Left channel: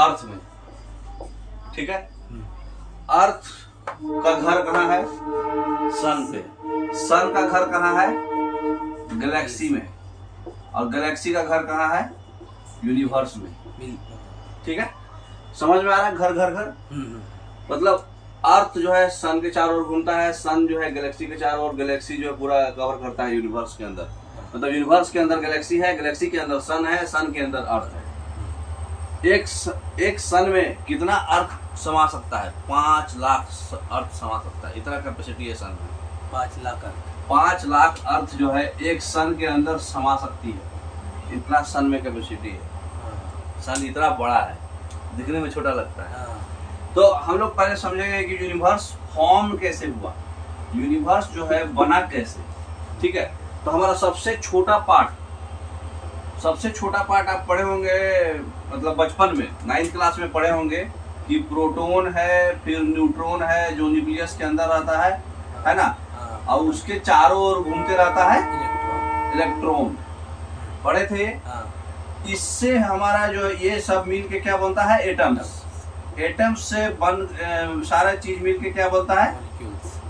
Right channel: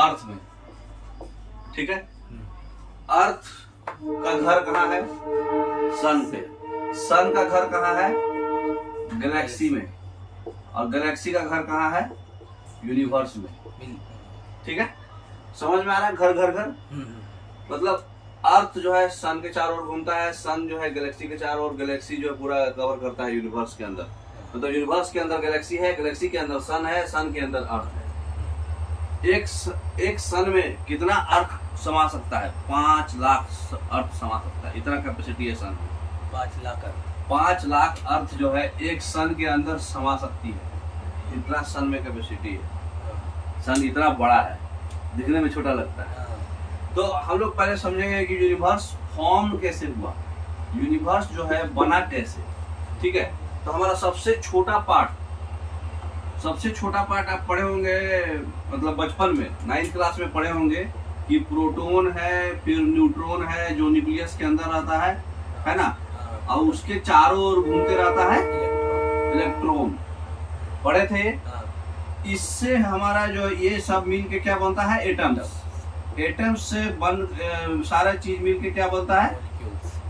अर्थ में, ठीक है। अर्थ का घर कहाँ है? सन पे। सन का घर कहाँ है? गैलेक्सी में। और गैलेक्सी का घर कहाँ है? यूनिवर्स में, ठीक है। समझ में आ रहा है? घर घर घर मतलब अर्थ जो है सन के चारों ओर घूमता है, सन जो है गैलेक्सी के चारों ओर, गैलेक्सी जो है पूरा कवर करता है यूनिवर्स के अंदर। मतलब यूनिवर्स के अंदर गैलेक्सी है, गैलेक्सी के अंदर सन है, सन के अंदर अर्थ है। एक सन में कितना अर्थ समा सकता है? 5 लाख अर्थ समा सकता है, इतना कैपेसिटी है सन में। 5 लाख अर्थ, 5 लाख अर्थ जो है एक सन के अंदर समा सकती है, इतना सन में कैपेसिटी है। सन इतना बड़ा है, दिखने में छोटा लगता है। तो हम लोग पहले समझेंगे कि यूनिवर्स फॉर्म कैसे हुआ, यूनिवर्स जो है बना कैसे, ठीक है। तो हमारा सबसे छोटा पार्ट आप पढ़े होंगे, मतलब बचपन में 9th क्लास में पढ़े होंगे कि प्रोटॉन है, फिर न्यूट्रॉन है जो न्यूक्लियस के अंदर रहता है ना, और उसके चारों ओर घूमते रहता है इलेक्ट्रॉन। पढ़े थे ये? इससे हमारा जो ये सब मिल के क्या बनता है? एटम्स। एटम्स से सारा चीज मिल के क्या बनता है?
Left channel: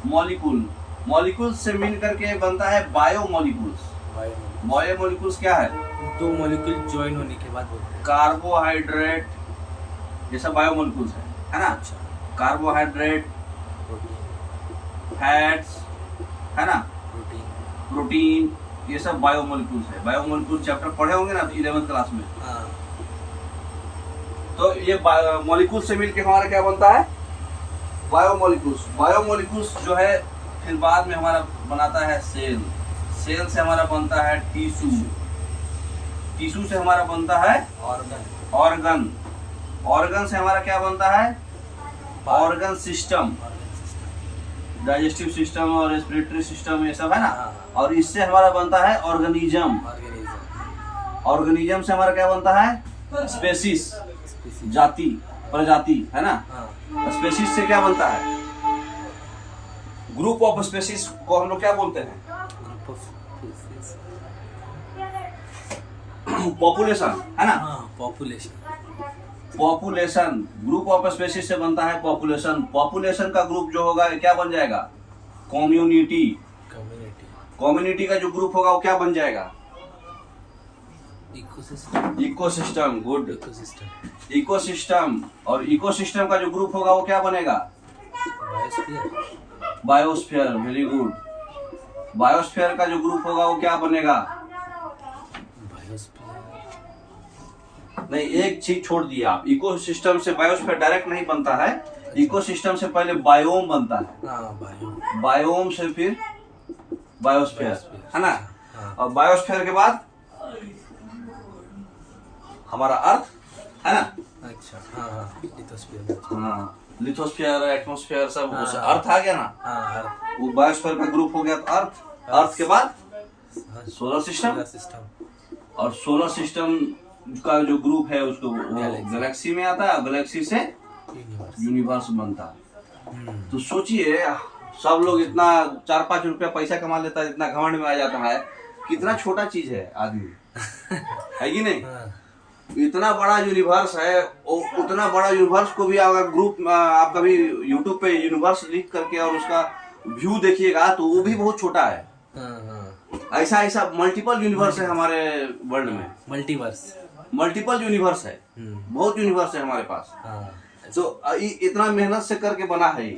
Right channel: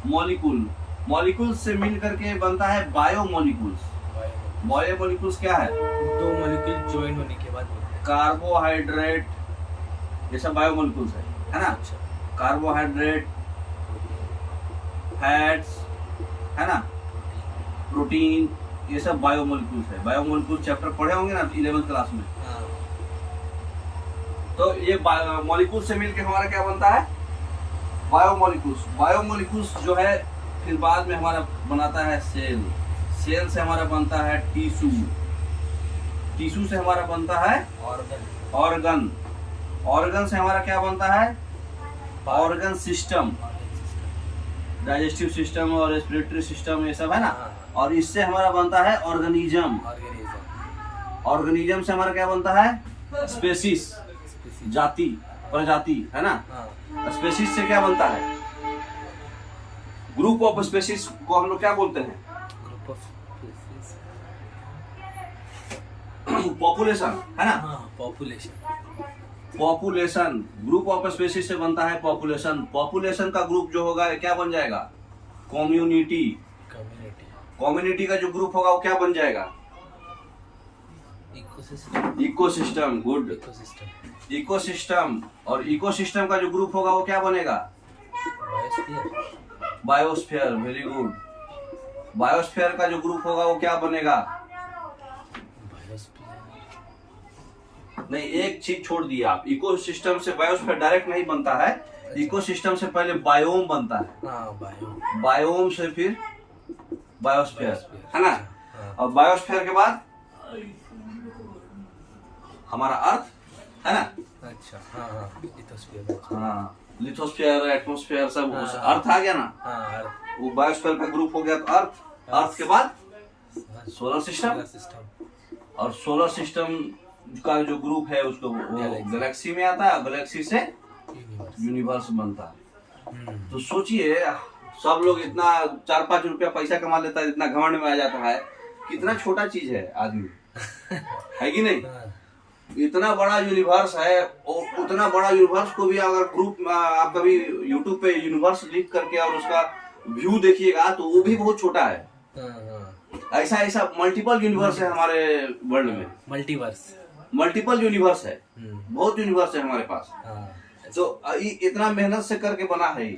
मॉलिक्यूल। मॉलिक्यूल से मिल करके बनता है बायोमॉलिक्यूल्स। बायोमॉलिक्यूल्स क्या है? 2 मॉलिक्यूल ज्वाइन होने के बाद बोलते हैं। कार्बोहाइड्रेट, ये सब बायोमॉलिक्यूल्स है ना। अच्छा। कार्बोहाइड्रेट, फैट्स, है ना, प्रोटीन, ये सब बायोमॉलिक्यूल्स है। बायोमॉलिक्यूल्स चैप्टर पढ़े होंगे ना 11th क्लास में। तो ये मॉलिक्यूल से मिलके हमारा क्या बनता है? बायोमॉलिक्यूल्स। बायोमॉलिक्यूल्स जो है फिर बाद में हमारा बनाता है सेल। सेल से हमारा बनता है टिश्यू। टिश्यू से हमारा बनता है ऑर्गन। ऑर्गन से हमारा क्या बनता है? ऑर्गन सिस्टम, डाइजेस्टिव सिस्टम और रेस्पिरेटरी सिस्टम, ये सब है ना। और इससे हमारा बनता है ऑर्गेनिज्म। ऑर्गेनिज्म से हमारा क्या बनता है? स्पेसीज, जाति, प्रजाति, है ना। स्पेसीज से क्या बनता है? ग्रुप ऑफ स्पेसीज को हम लोग क्या बोलते हैं? Group of species. पॉपुलेशन, है ना। पॉपुलेशन, ग्रुप ऑफ स्पेसीज से बनता है पॉपुलेशन। पॉपुलेशन का ग्रुप जो होगा क्या बन जाएगा? कम्युनिटी। कम्युनिटी का जो ग्रुप होगा वो क्या बन जाएगा? इकोसिस्टम। Good, ecosystem. और इकोसिस्टम का जो ग्रुप होगा वो क्या बनेगा? बायोस्फीयर। Very good. बायोस्फीयर का जो ग्रुप होगा वो क्या बनेगा? नहीं, एक चीज छोड़ दिए आप। इकोसिस्टम से बायोस्फीयर डायरेक्ट नहीं बनता है। इकोसिस्टम से पहले बायोम बनता है। बायोम से फिर बायोस्फीयर, है ना। और बायोस्फीयर के बाद हमारा अर्थ, है ना। अच्छा। लिथोस्फीयर, एटमॉस्फेयर, सब अर्थ आ गया ना। वो बायोस्फीयर का ग्रुप हो गया। तो अर्थ के बाद सोलर सिस्टम। और सोलर सिस्टम का जो ग्रुप है उसको गैलेक्सी में आता है। गैलेक्सी से यूनिवर्स बनता है। तो सोचिए, सब लोग इतना 4-5 रुपया पैसा कमा लेता है, इतना घमंड में आ जाता है, कितना छोटा चीज है आदमी, है कि नहीं। इतना बड़ा यूनिवर्स है, उतना बड़ा यूनिवर्स को भी अगर ग्रुप आप कभी यूट्यूब पे यूनिवर्स लिख करके और उसका व्यू देखिएगा तो वो भी बहुत छोटा है। ऐसा मल्टीपल यूनिवर्स है हमारे वर्ल्ड में। मल्टीपल यूनिवर्स है, बहुत यूनिवर्स है हमारे पास। तो इतना मेहनत से करके बना है।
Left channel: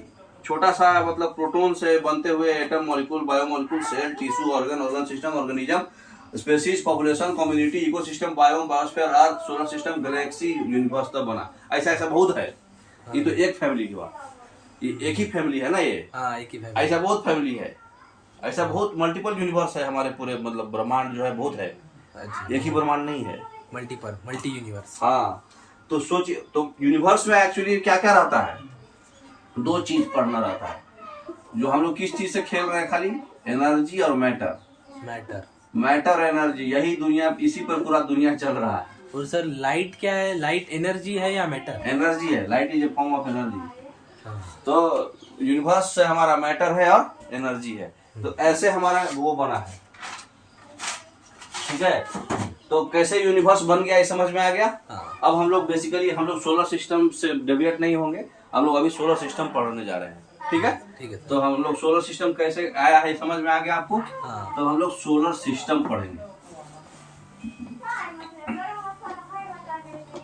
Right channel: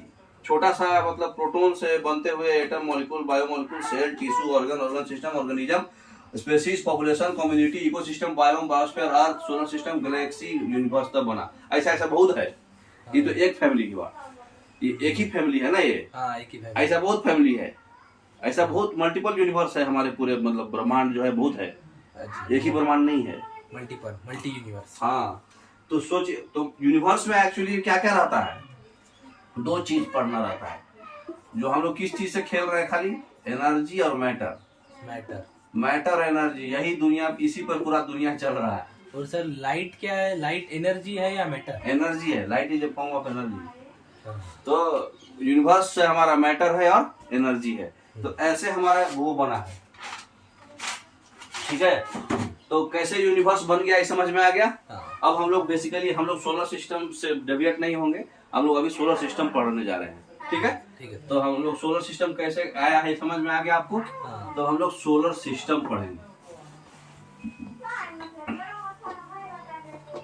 छोटा सा मतलब प्रोटॉन से बनते हुए atom, molecule, biomolecule, cell, tissue, organ system, organism, species, population, community, ecosystem, biome, biosphere, earth, solar system, galaxy, universe तब बना। ऐसा बहुत है। ये तो एक फैमिली की बात, ये एक ही फैमिली है ना। ये एक ही फैमिली। ऐसा बहुत फैमिली है, ऐसा बहुत मल्टीपल यूनिवर्स है हमारे पूरे, मतलब ब्रह्मांड जो है बहुत है। एक ही ब्रह्मांड नहीं है, मल्टी यूनिवर्स। हाँ। तो सोचिए, तो यूनिवर्स में एक्चुअली क्या क्या रहता है? 2 चीज पढ़ना रहता है। जो हम लोग किस चीज से खेल रहे हैं खाली? एनर्जी और मैटर एनर्जी, यही दुनिया, इसी पर पूरा दुनिया चल रहा है। और सर लाइट क्या है? लाइट एनर्जी है या मैटर? एनर्जी है। Light is a form of energy. तो यूनिवर्स से हमारा मैटर है और एनर्जी है। तो ऐसे हमारा वो बना है, ठीक है। तो कैसे यूनिवर्स बन गया ये समझ में आ गया। हाँ। अब हम लोग बेसिकली हम लोग सोलर सिस्टम से डेविएट नहीं होंगे, हम लोग अभी सोलर सिस्टम पढ़ने जा रहे हैं, ठीक है। ठीक है। तो हम लोग सोलर सिस्टम कैसे आया है समझ में आ गया आपको। हाँ। तो हम लोग सोलर सिस्टम पढ़ेंगे।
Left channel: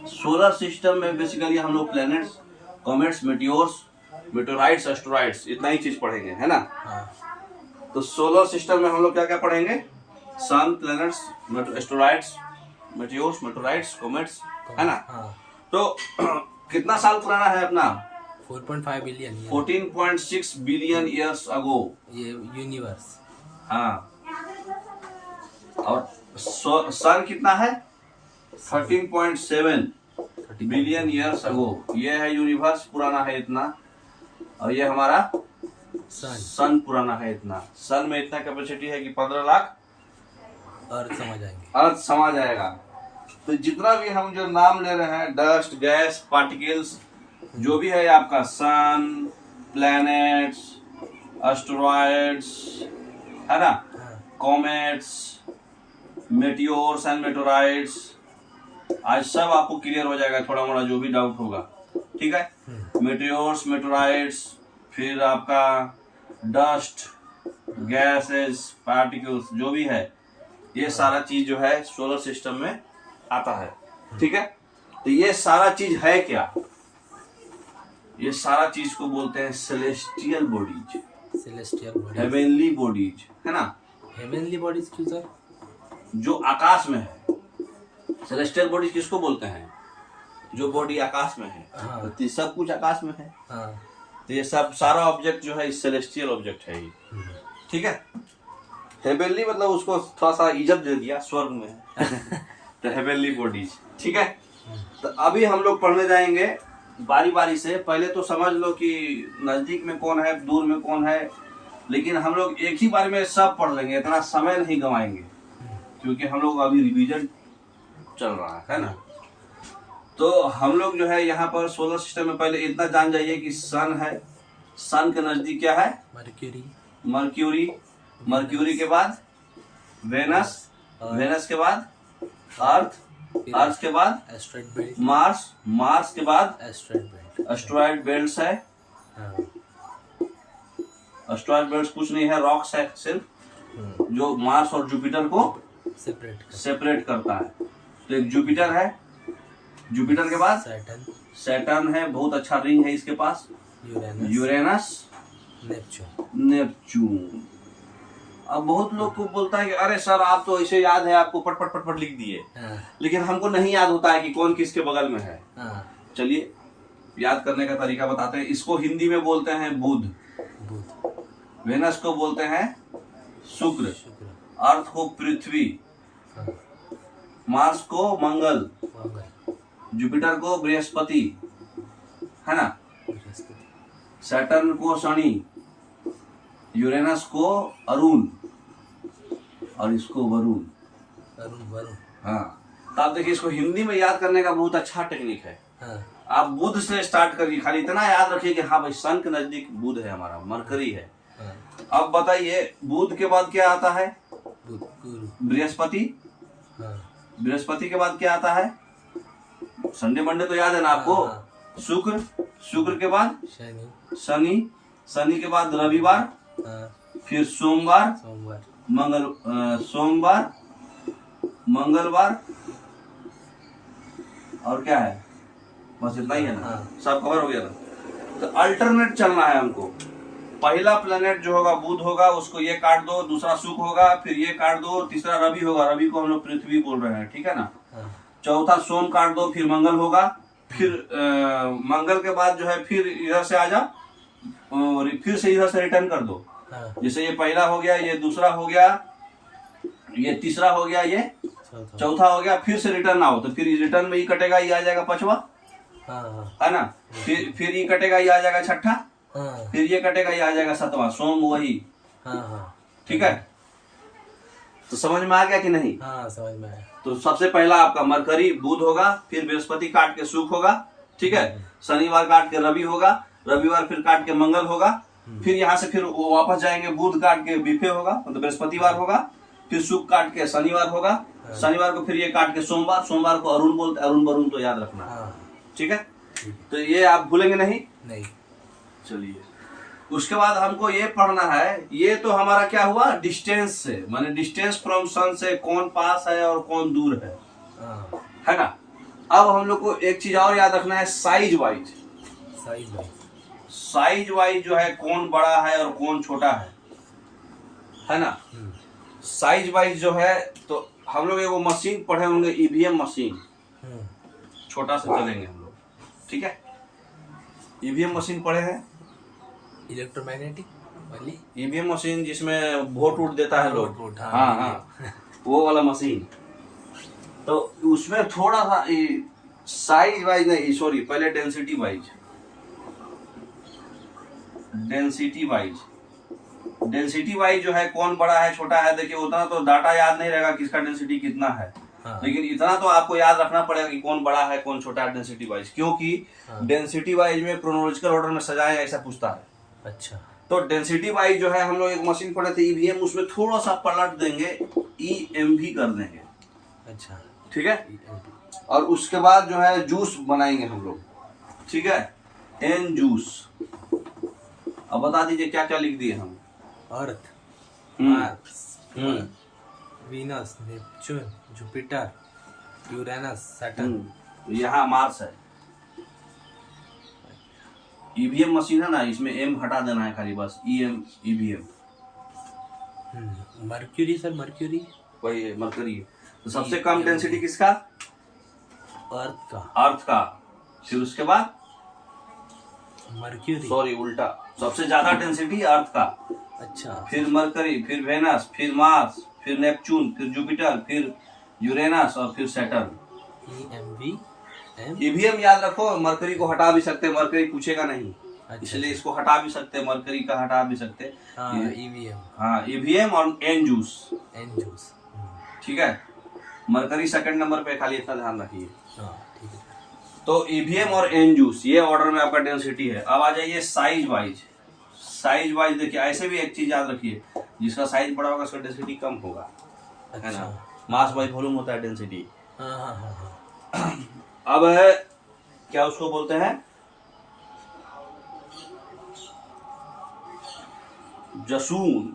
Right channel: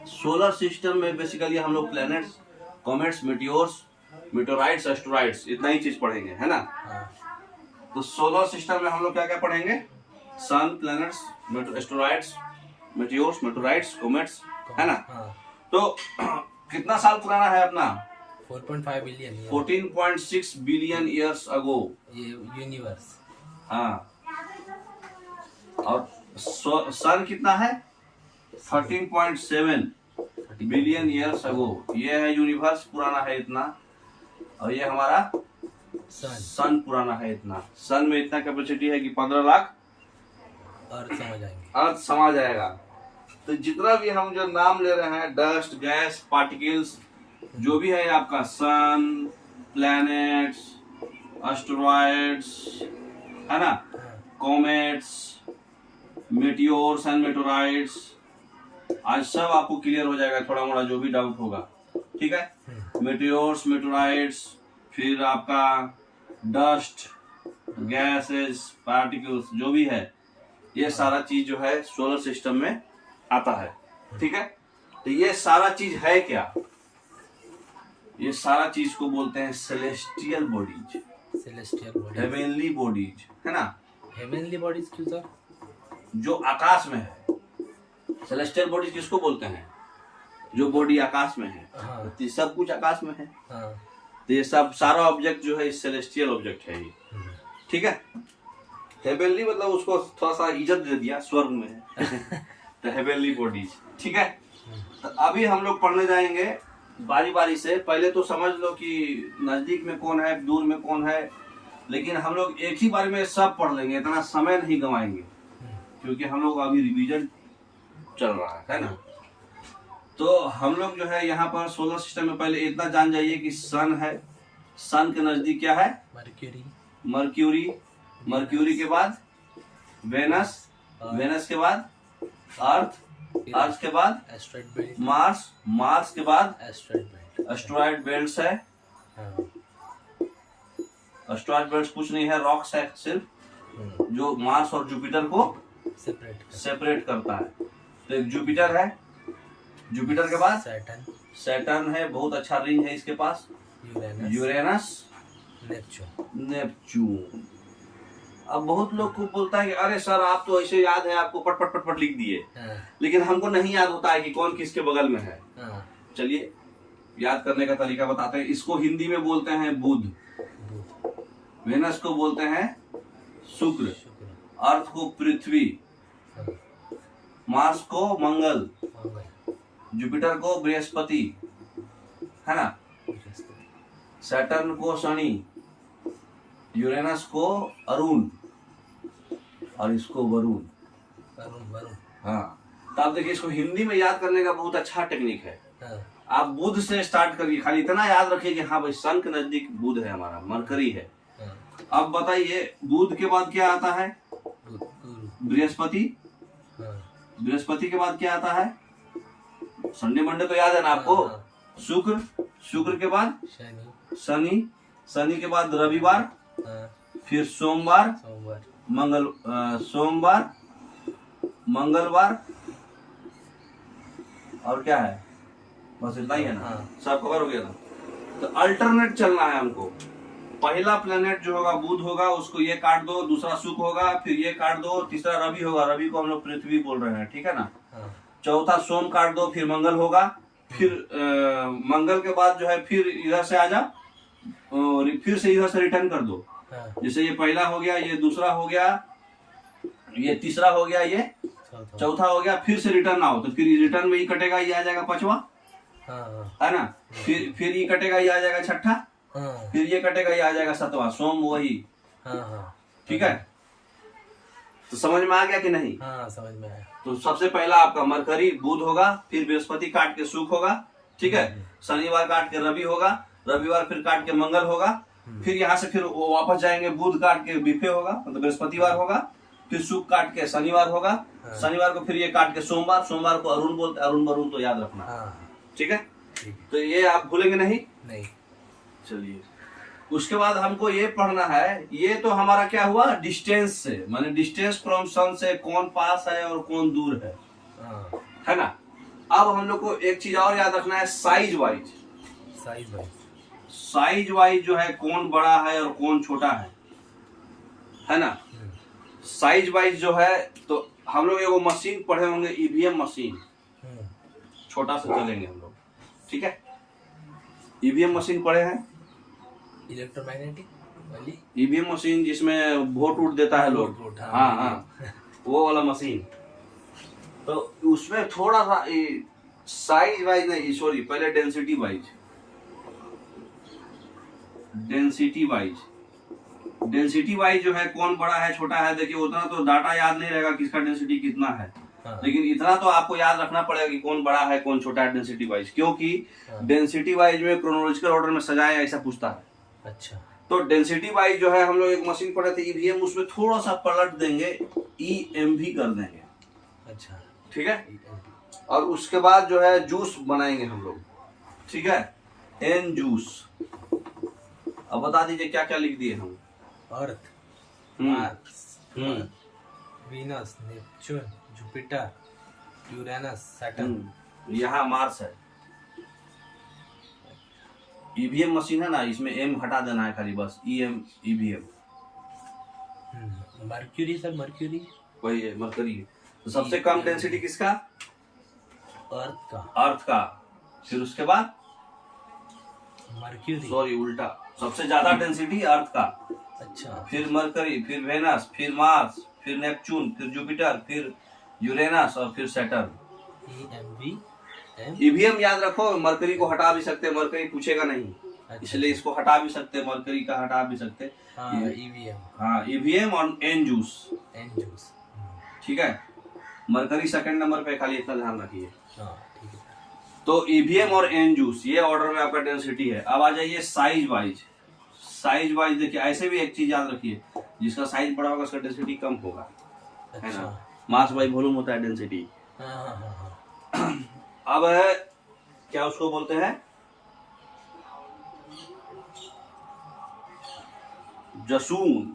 सोलर सिस्टम में बेसिकली हम लोग प्लैनेट्स, कॉमेट्स, मेटियोर्स, मेटेओराइट्स, एस्टेरॉइड्स, इतना ही चीज पढ़ेंगे, है ना। हाँ। तो सोलर सिस्टम में हम लोग क्या क्या पढ़ेंगे? सन, प्लैनेट्स, एस्टेरॉइड्स, मेटियोर्स, मेटेओराइट्स, कॉमेट्स, है ना। हाँ। तो कितना साल पुराना है अपना? 4.5 बिलियन 14.6 बिलियन ईयर्स अगो ये यूनिवर्स। हाँ। और सन कितना है? 13.7 बिलियन ईयर्स अगो। ये है यूनिवर्स, पुराना है इतना। और ये हमारा सन पुराना है इतना। सन में इतना कैपेसिटी है कि 15 लाख अर्थ समझ आएंगे, अर्थ समा जाएगा। तो जितना भी हम जो नाम ले रहे हैं, डस्ट, गैस, पार्टिकल्स, जो भी है आपका सन, प्लैनेट्स, एस्टेरॉइड्स, है ना, कॉमेट्स, मेटियोर्स एंड मेटेओराइट्स, आज सब आपको क्लियर हो जाएगा, थोड़ा मोड़ा जो भी डाउट होगा, ठीक है। मेटियोर्स, मेटेओराइट्स, फिर आपका डस्ट, गैसेस, पार्टिकल्स, जो भी है ये सारा चीज जो है सोलर सिस्टम में आता है, ठीक है। तो ये सारा चीज है क्या? ये सारा चीज को बोलते हैं celestial bodies, celestial bodies, heavenly bodies, है ना। हेवनली बॉडीज क्यों सर? जो आकाश में है। सेलेस्टियल बॉडीज किसको बोलते हैं? जो बॉडी आकाश में है। हाँ। तो सब कुछ आकाश में है। हाँ। तो ये सब सारा ऑब्जेक्ट जो है सेलेस्टियल ऑब्जेक्ट है ये, ठीक है। हेवेनली मतलब उसको थोड़ा सा इज्जत दे दिया, स्वर्ग में है। तो हेवेनली बॉडीज, ठीक है। तो अभी हम लोग पढ़ने जाएंगे बारी बारी से। पहले तो समझ लो कि नजदीक में कौन है, दूर में कौन है, लेकिन हम लोग एक ही बार में सब पढ़ लेंगे, इतना समय नहीं गंवाएंगे, क्योंकि हम लोग अभी रिवीजन चल रहा है ना। तो हम लोग जो है यहाँ पर सोलर सिस्टम में पहले इतना जान जाइए कि सन है। सन के नजदीक क्या है? मर्क्यूरी। मर्क्यूरी, मर्क्यूरी के बाद वेनस, वेनस के बाद अर्थ, अर्थ के बाद एस्ट्रॉइड बेल्ट, मार्स, मार्स के बाद एस्ट्रॉइड बेल्ट, एस्ट्रॉइड बेल्ट्स है। एस्ट्रॉइड बेल्ट्स कुछ नहीं है, रॉक्स है सिर्फ, जो मार्स और जुपिटर को सेपरेट करता है। तो एक जुपिटर है, जुपिटर के बाद सैटर्न, सैटर्न है, बहुत अच्छा रिंग है इसके पास, यूरेनस, यूरेनस, नेपच्यून, नेपच्यून। अब बहुत लोग को बोलता है कि अरे सर आप तो ऐसे याद है, आपको पट पट पट पट लिख दिए। लेकिन हमको नहीं याद होता है कि कौन किसके बगल में है। चलिए याद करने का तरीका बताते हैं। इसको हिंदी में बोलते हैं बुध, वेनस को बोलते हैं शुक्र, अर्थ को पृथ्वी, मार्स को मंगल, जुपिटर को बृहस्पति, है ना, सैटर्न को शनि, यूरेनस को अरुण, और इसको वरुण। वरुण। हाँ। तो आप देखिए, इसको हिंदी में याद करने का बहुत अच्छा टेक्निक है। आप बुध से स्टार्ट करिए, खाली इतना याद रखिए कि हाँ भाई सन के नजदीक बुध है, हमारा मरकरी है। अब बताइए बुध के बाद क्या आता है? बृहस्पति। बृहस्पति के बाद क्या आता है? संडे मंडे तो याद है ना आपको। शुक्र, शुक्र के बाद शनि, शनि के बाद रविवार, फिर सोमवार, सोमवार, मंगलवार, और क्या है? बस इतना ही है ना। सब कवर हो गया था। तो अल्टरनेट चलना है हमको। पहला प्लेनेट जो होगा बुध होगा, उसको ये काट दो, दूसरा शुक्र होगा, फिर ये काट दो, तीसरा रवि होगा, रवि को हम लोग पृथ्वी बोल रहे हैं, ठीक है ना। चौथा सोम काट दो, फिर मंगल होगा, फिर मंगल के बाद जो है फिर इधर से आ जाओ और फिर से इधर से रिटर्न कर दो। जैसे ये पहला हो गया, ये दूसरा हो गया, ये तीसरा हो गया, ये चौथा हो गया, फिर से रिटर्न आओ, तो फिर रिटर्न में ही कटेगा, ये आ जाएगा पांचवा, है ना। फिर ये कटेगा, ये आ जाएगा छठा, फिर ये कटेगा, ये आ जाएगा सातवां, सोम वही, ठीक है। तो समझ में आ गया कि नहीं? हाँ, समझ में आया। तो सबसे पहला आपका मरकरी बुध होगा, फिर बृहस्पति काट के शुक्र होगा, ठीक है। शनिवार काट के रवि होगा, रविवार फिर काट के मंगल होगा, फिर यहाँ से फिर वापस जाएंगे, बुध काट के बिफे होगा, मतलब बृहस्पतिवार होगा, फिर शुक्र काट के शनिवार होगा, शनिवार को फिर ये काट के सोमवार, सोमवार को अरुण बोलते, अरुण वरुण तो याद रखना। हाँ ठीक है, ठीक है। तो ये आप भूलेंगे नहीं। नहीं। चलिए, उसके बाद हमको ये पढ़ना है, ये तो हमारा क्या हुआ, डिस्टेंस से, माने डिस्टेंस फ्रॉम सन से कौन पास है और कौन दूर है, हाँ है ना। अब हम लोग को एक चीज और याद रखना है, size wise. Size wise, size wise जो है कौन बड़ा है और कौन छोटा है ना। साइज वाइज जो है, तो हम लोग एगो मशीन पढ़े होंगे, ईवीएम मशीन, छोटा से चलेंगे हम लोग, ठीक है। ईवीएम मशीन पढ़े हैं, इलेक्ट्रोमैग्नेटिक वाली ईवीएम मशीन जिसमें वोट उठ देता है लोग, वोट, हाँ हाँ, वो वाला मशीन। तो उसमें थोड़ा सा साइज वाइज नहीं, सॉरी, पहले density wise, density wise, density wise जो है कौन बड़ा है छोटा है, देखिए उतना तो डाटा याद नहीं रहेगा किसका डेंसिटी कितना है, हाँ। लेकिन इतना तो आपको याद रखना पड़ेगा कि कौन बड़ा है कौन छोटा है डेंसिटी वाइज, क्योंकि डेंसिटी वाइज में क्रोनोलॉजिकल ऑर्डर में सजाए ऐसा पूछता है। अच्छा, तो डेंसिटी वाइज जो है हम लोग एक मशीन पढ़े थे ईवीएम, उसमें थोड़ा सा पलट देंगे, ईएमवी कर देंगे। अच्छा, ठीक है, और उसके बाद जो है जूस बनाएंगे हम लोग, ठीक है, एन जूस। अब बता दीजिए क्या क्या लिख दिए हम। Earth, hmm. Mars, Venus, Neptune, Jupiter, Uranus, Saturn. यहाँ मार्स है। ईवीएम मशीन है ना, इसमें एम हटा देना है खाली, बस EM, EVM. Mercury sir, mercury वही है, मरकरी। तो सबसे कम डेंसिटी किसका, अर्थ का, अर्थ का। फिर उसके बाद मर्क्यूरी, सॉरी उल्टा, सबसे ज्यादा डेंसिटी अर्थ का, अच्छा, फिर मरकरी, फिर वेनस, फिर मार्स, फिर नेपच्यून, फिर जुपिटर, फिर यूरेनस और फिर सैटर्न। ईवीएम याद रखो, मरकरी को हटा भी सकते, मरकरी पूछेगा नहीं, अच्छा, इसलिए इसको हटा भी सकते, मरकरी का हटा भी सकते। ईवीएम, हाँ, ईवीएम और एन जूस, एन जूस, ठीक है। मरकरी सेकंड नंबर पे, खाली इतना ध्यान रखिए। हाँ ठीक है। तो ईवीएम और एन जूस, ये ऑर्डर में आपका डेंसिटी है। अब आ जाइए साइज वाइज। साइज वाइज देखिए, ऐसे भी एक चीज याद रखिए, जिसका साइज बड़ा होगा उसका डेंसिटी कम होगा, है ना। मास बाई वॉल्यूम होता है डेंसिटी। अब क्या उसको बोलते हैं, जसून,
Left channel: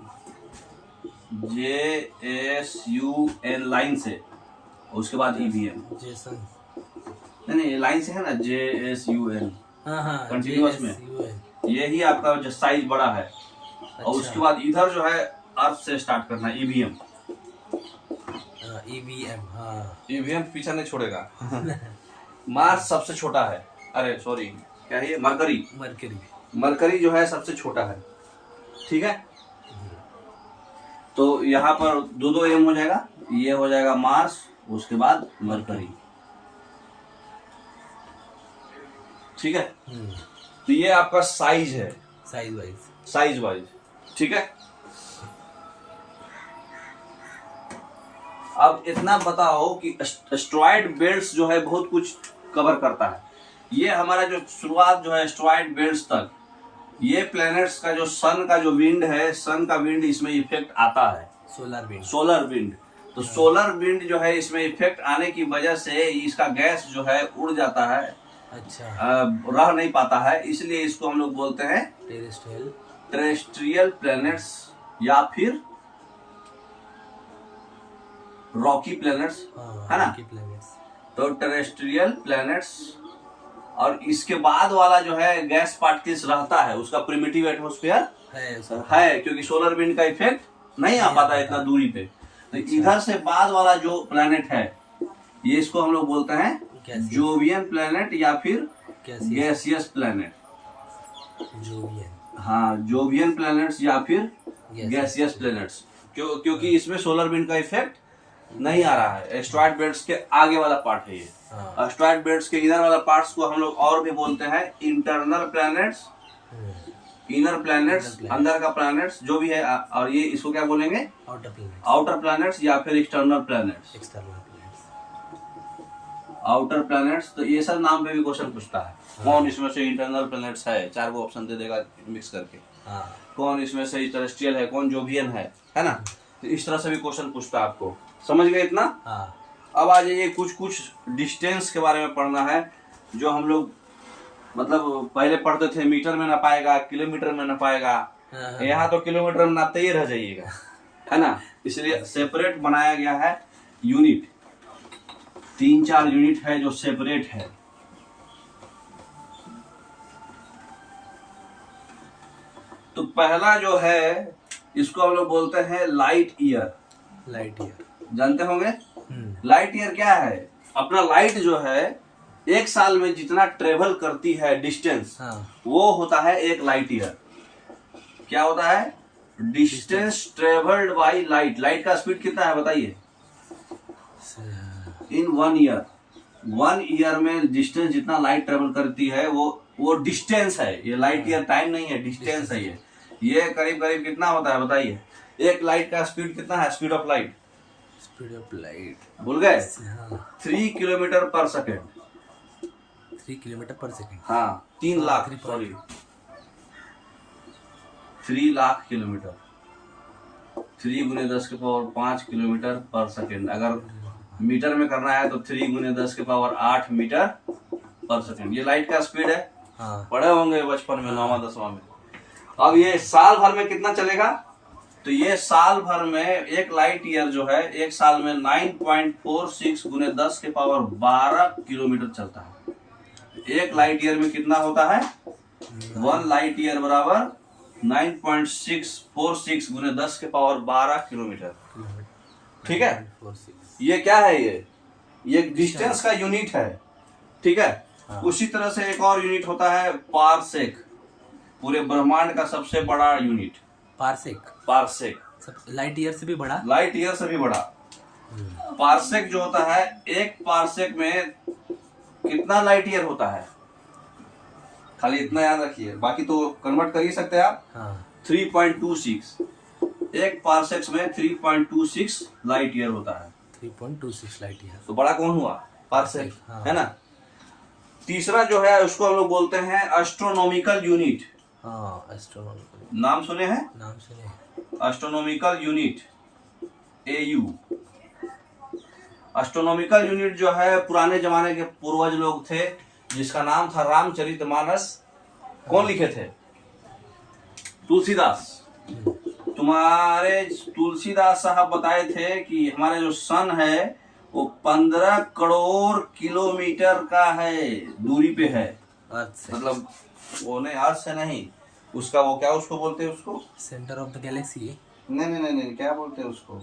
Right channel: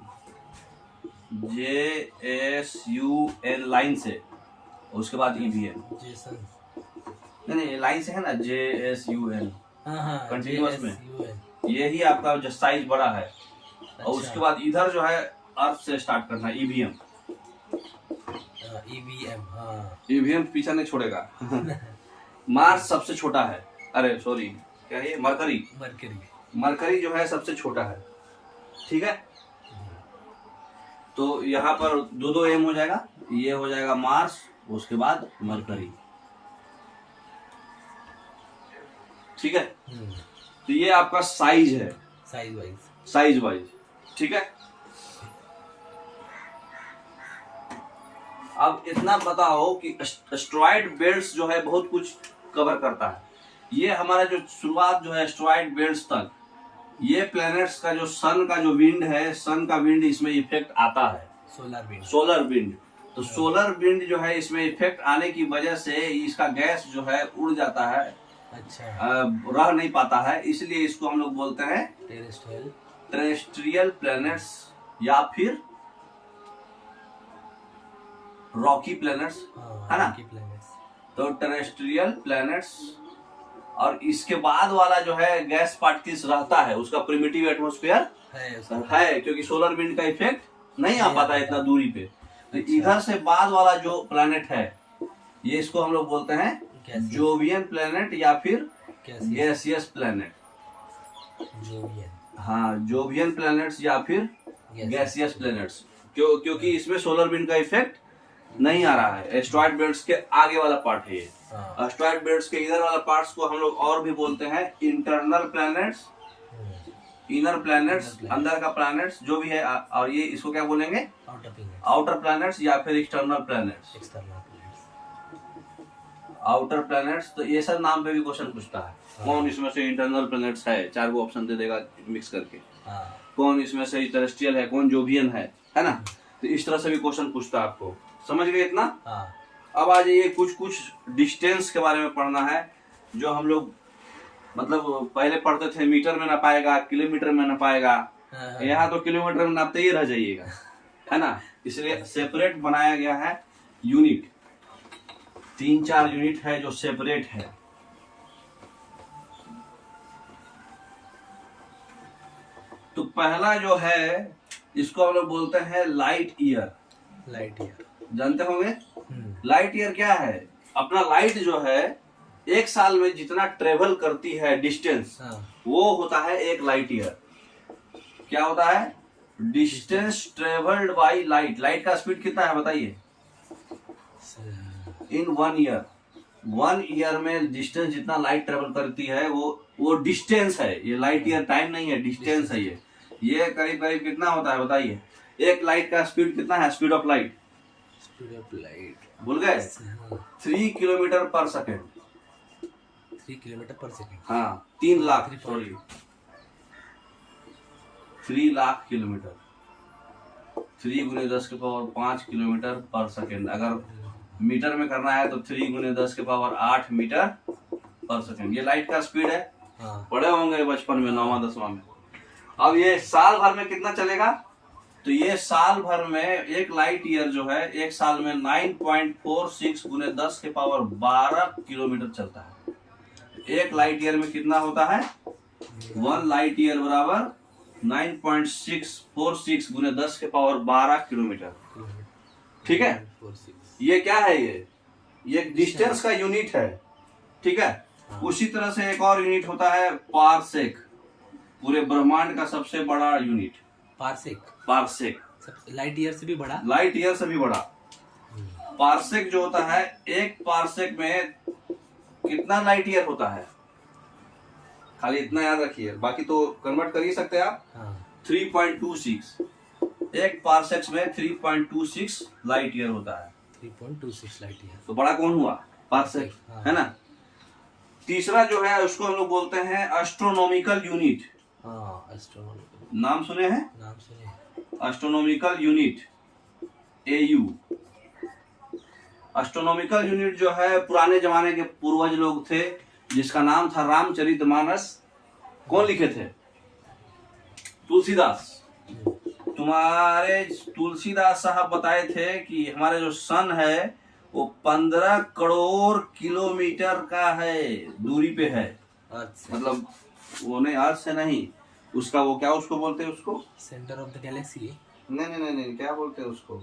JSUN लाइन से, और उसके बाद ईवीएम। जेसन, नहीं लाइन से है ना, JSUN, कंटिन्यूअस में, JSUN। यही आपका जो साइज बड़ा है। और उसके बाद इधर जो है अर्थ से स्टार्ट करना है, ईवीएम। ईवीएम, हाँ, ईवीएम पीछा नहीं छोड़ेगा। मार्स सबसे छोटा है, अरे सॉरी क्या है ये, मरकरी, मरकरी, मरकरी जो है सबसे छोटा है, ठीक है। तो यहाँ पर दो दो एम हो जाएगा, ये हो जाएगा मार्स, उसके बाद मरकरी, ठीक है। तो ये आपका साइज है, साइज वाइज, साइज वाइज, ठीक है। अब इतना बताओ कि एस्ट्रॉइड बेल्ट्स जो है बहुत कुछ कवर करता है। ये हमारा जो शुरुआत जो है एस्ट्रॉइड बेल्ट्स तक, ये प्लैनेट्स का जो सन का जो विंड है, सन का विंड इसमें इफेक्ट आता है, सोलर विंड, सोलर विंड। तो सोलर विंड जो है इसमें इफेक्ट आने की वजह से इसका गैस जो है उड़ जाता है, अच्छा, रह नहीं पाता है, इसलिए इसको हम लोग बोलते हैं टेरेस्ट्रियल प्लैनेट्स या फिर रॉकी प्लैनेट्स, है ना। तो टेरेस्ट्रियल प्लैनेट्स, और इसके बाद वाला जो है गैस पार्टिकल्स रहता है, उसका प्रिमिटिव एटमॉस्फेयर है, क्योंकि सोलर विंड का इफेक्ट नहीं आ पाता इतना दूरी पे। तो इधर से बाद वाला जो प्लैनेट है, ये इसको हम लोग बोलते हैं जोवियन प्लैनेट या फिर गैसियस प्लैनेट। हाँ, जोवियन प्लैनेट्स या फिर गैसियस प्लैनेट्स, क्योंकि इसमें सोलर विंड का इफेक्ट नहीं आ रहा है। एस्ट्रॉइड बेल्ट्स के आगे वाला पार्ट है ये। एस्ट्रॉइड बेल्ट्स के इधर वाला पार्ट्स को हम लोग और भी बोलते हैं इंटरनल प्लैनेट्स, इनर प्लैनेट्स, अंदर का प्लैनेट्स जो भी है, और ये इसको क्या बोलेंगे, आउटर प्लैनेट्स या फिर एक्सटर्नल प्लैनेट्स, आउटर प्लैनेट्स। तो ये सब नाम पे भी क्वेश्चन पूछता है, कौन इसमें से इंटरनल प्लैनेट्स है, 4 गो ऑप्शन दे देगा मिक्स करके, कौन इसमें से टेरेस्ट्रियल है, कौन जोवियन है ना। तो इस तरह से भी क्वेश्चन पूछता है आपको, समझ गए इतना? हाँ। अब आ जाइए, कुछ डिस्टेंस के बारे में पढ़ना है, जो हम लोग मतलब पहले पढ़ते थे मीटर में नापाएगा, किलोमीटर में नापाएगा। यहाँ तो किलोमीटर में नापते ही रह जाइएगा, है ना। इसलिए सेपरेट बनाया गया है यूनिट, 3-4 यूनिट है जो सेपरेट है। तो पहला जो है इसको हम लोग बोलते हैं लाइट ईयर। लाइट ईयर जानते होंगे लाइट ईयर क्या है? अपना लाइट जो है एक साल में जितना ट्रेवल करती है डिस्टेंस, वो होता है एक लाइट ईयर। क्या होता है? Distance travelled by light. Light का स्पीड कितना है बताइए? इन 1 ईयर। 1 ईयर में डिस्टेंस जितना लाइट ट्रेवल करती है वो डिस्टेंस है। ये लाइट ईयर टाइम नहीं है, डिस्टेंस है ये करीब करीब कितना होता है बताइए? एक लाइट का स्पीड कितना है? Speed of light, speed of light भूल गए? 3 किलोमीटर पर सेकेंड। 3 किलोमीटर पर सेकेंड। हाँ, 3 लाख, सॉरी 3 लाख किलोमीटर। 3 गुने 10 के पावर 5 किलोमीटर पर सेकेंड। अगर मीटर में करना है तो 3 गुने 10 के पावर 8 मीटर पर सेकेंड। ये लाइट का स्पीड है। पढ़े होंगे बचपन में, 9वां 10वां में। अब ये साल भर में कितना चलेगा? तो ये साल भर में एक लाइट ईयर जो है एक साल में 9.46 गुने 10 के पावर 12 किलोमीटर चलता है। एक लाइट ईयर में कितना होता है? 1 लाइट ईयर बराबर 9.646 गुने 10 के पावर 12 किलोमीटर। ठीक है, ये क्या है? ये डिस्टेंस का यूनिट है। ठीक है। उसी तरह से एक और यूनिट होता है पारसेक। पूरे ब्रह्मांड का सबसे बड़ा यूनिट पारसेक। लाइट ईयर से भी बड़ा? लाइट ईयर से भी बड़ा। पारसेक जो होता है, एक पारसेक में कितना लाइट ईयर होता है? खाली इतना याद रखिए, बाकी तो कन्वर्ट कर ही सकते हैं आप। 3.26। एक पारसेक में 3.26 लाइट ईयर होता है। 3.26 लाइट ईयर। तो बड़ा कौन हुआ? पारसेक, है ना। तीसरा जो है उसको हम लोग बोलते हैं एस्ट्रोनॉमिकल यूनिट। एस्ट्रोनॉमिकल नाम सुने हैं? नाम सुने। Astronomical unit, AU। Astronomical unit जो है पुराने जमाने के पूर्वज लोग थे, जिसका नाम था रामचरितमानस। कौन लिखे थे? तुलसीदास। तुम्हारे तुलसीदास साहब बताए थे कि हमारे जो सन है वो 15 करोड़ किलोमीटर का है, दूरी पे है। मतलब वो नहीं, अर्थ से नहीं, उसका वो क्या उसको बोलते हैं? उसको सेंटर ऑफ द गैलेक्सी। नहीं, क्या बोलते हैं उसको?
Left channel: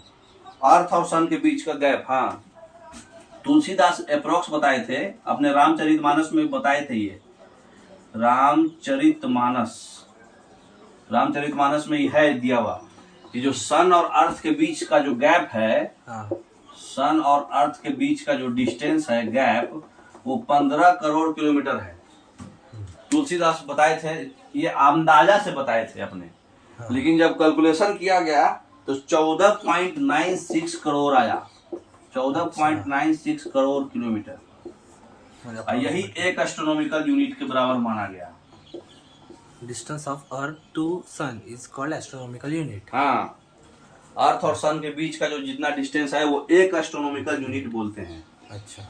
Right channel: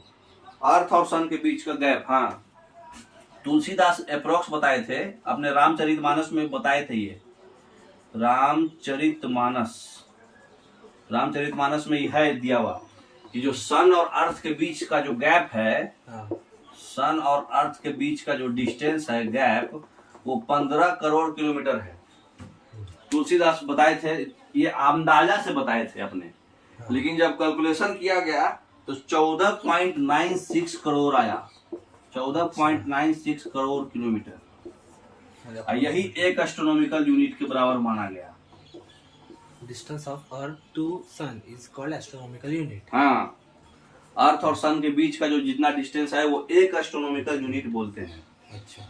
अर्थ और सन के बीच का गैप। हाँ, तुलसीदास अप्रोक्स बताए थे, अपने रामचरितमानस में बताए थे। ये रामचरितमानस में यह है दिया हुआ कि जो सन और अर्थ के बीच का जो गैप है, सन और अर्थ के बीच का जो डिस्टेंस है, गैप, वो 15 करोड़ किलोमीटर है। तुलसीदास बताए थे, ये अंदाजा से बताए थे अपने। लेकिन जब कैलकुलेशन किया गया तो 14.96 करोड़ आया। 14.96 करोड़ किलोमीटर। और यही एक एस्ट्रोनॉमिकल यूनिट के बराबर माना गया। Distance of earth to sun is called astronomical unit. हाँ, अर्थ और सन के बीच का जो जितना डिस्टेंस है वो एक एस्ट्रोनॉमिकल यूनिट बोलते हैं। अच्छा।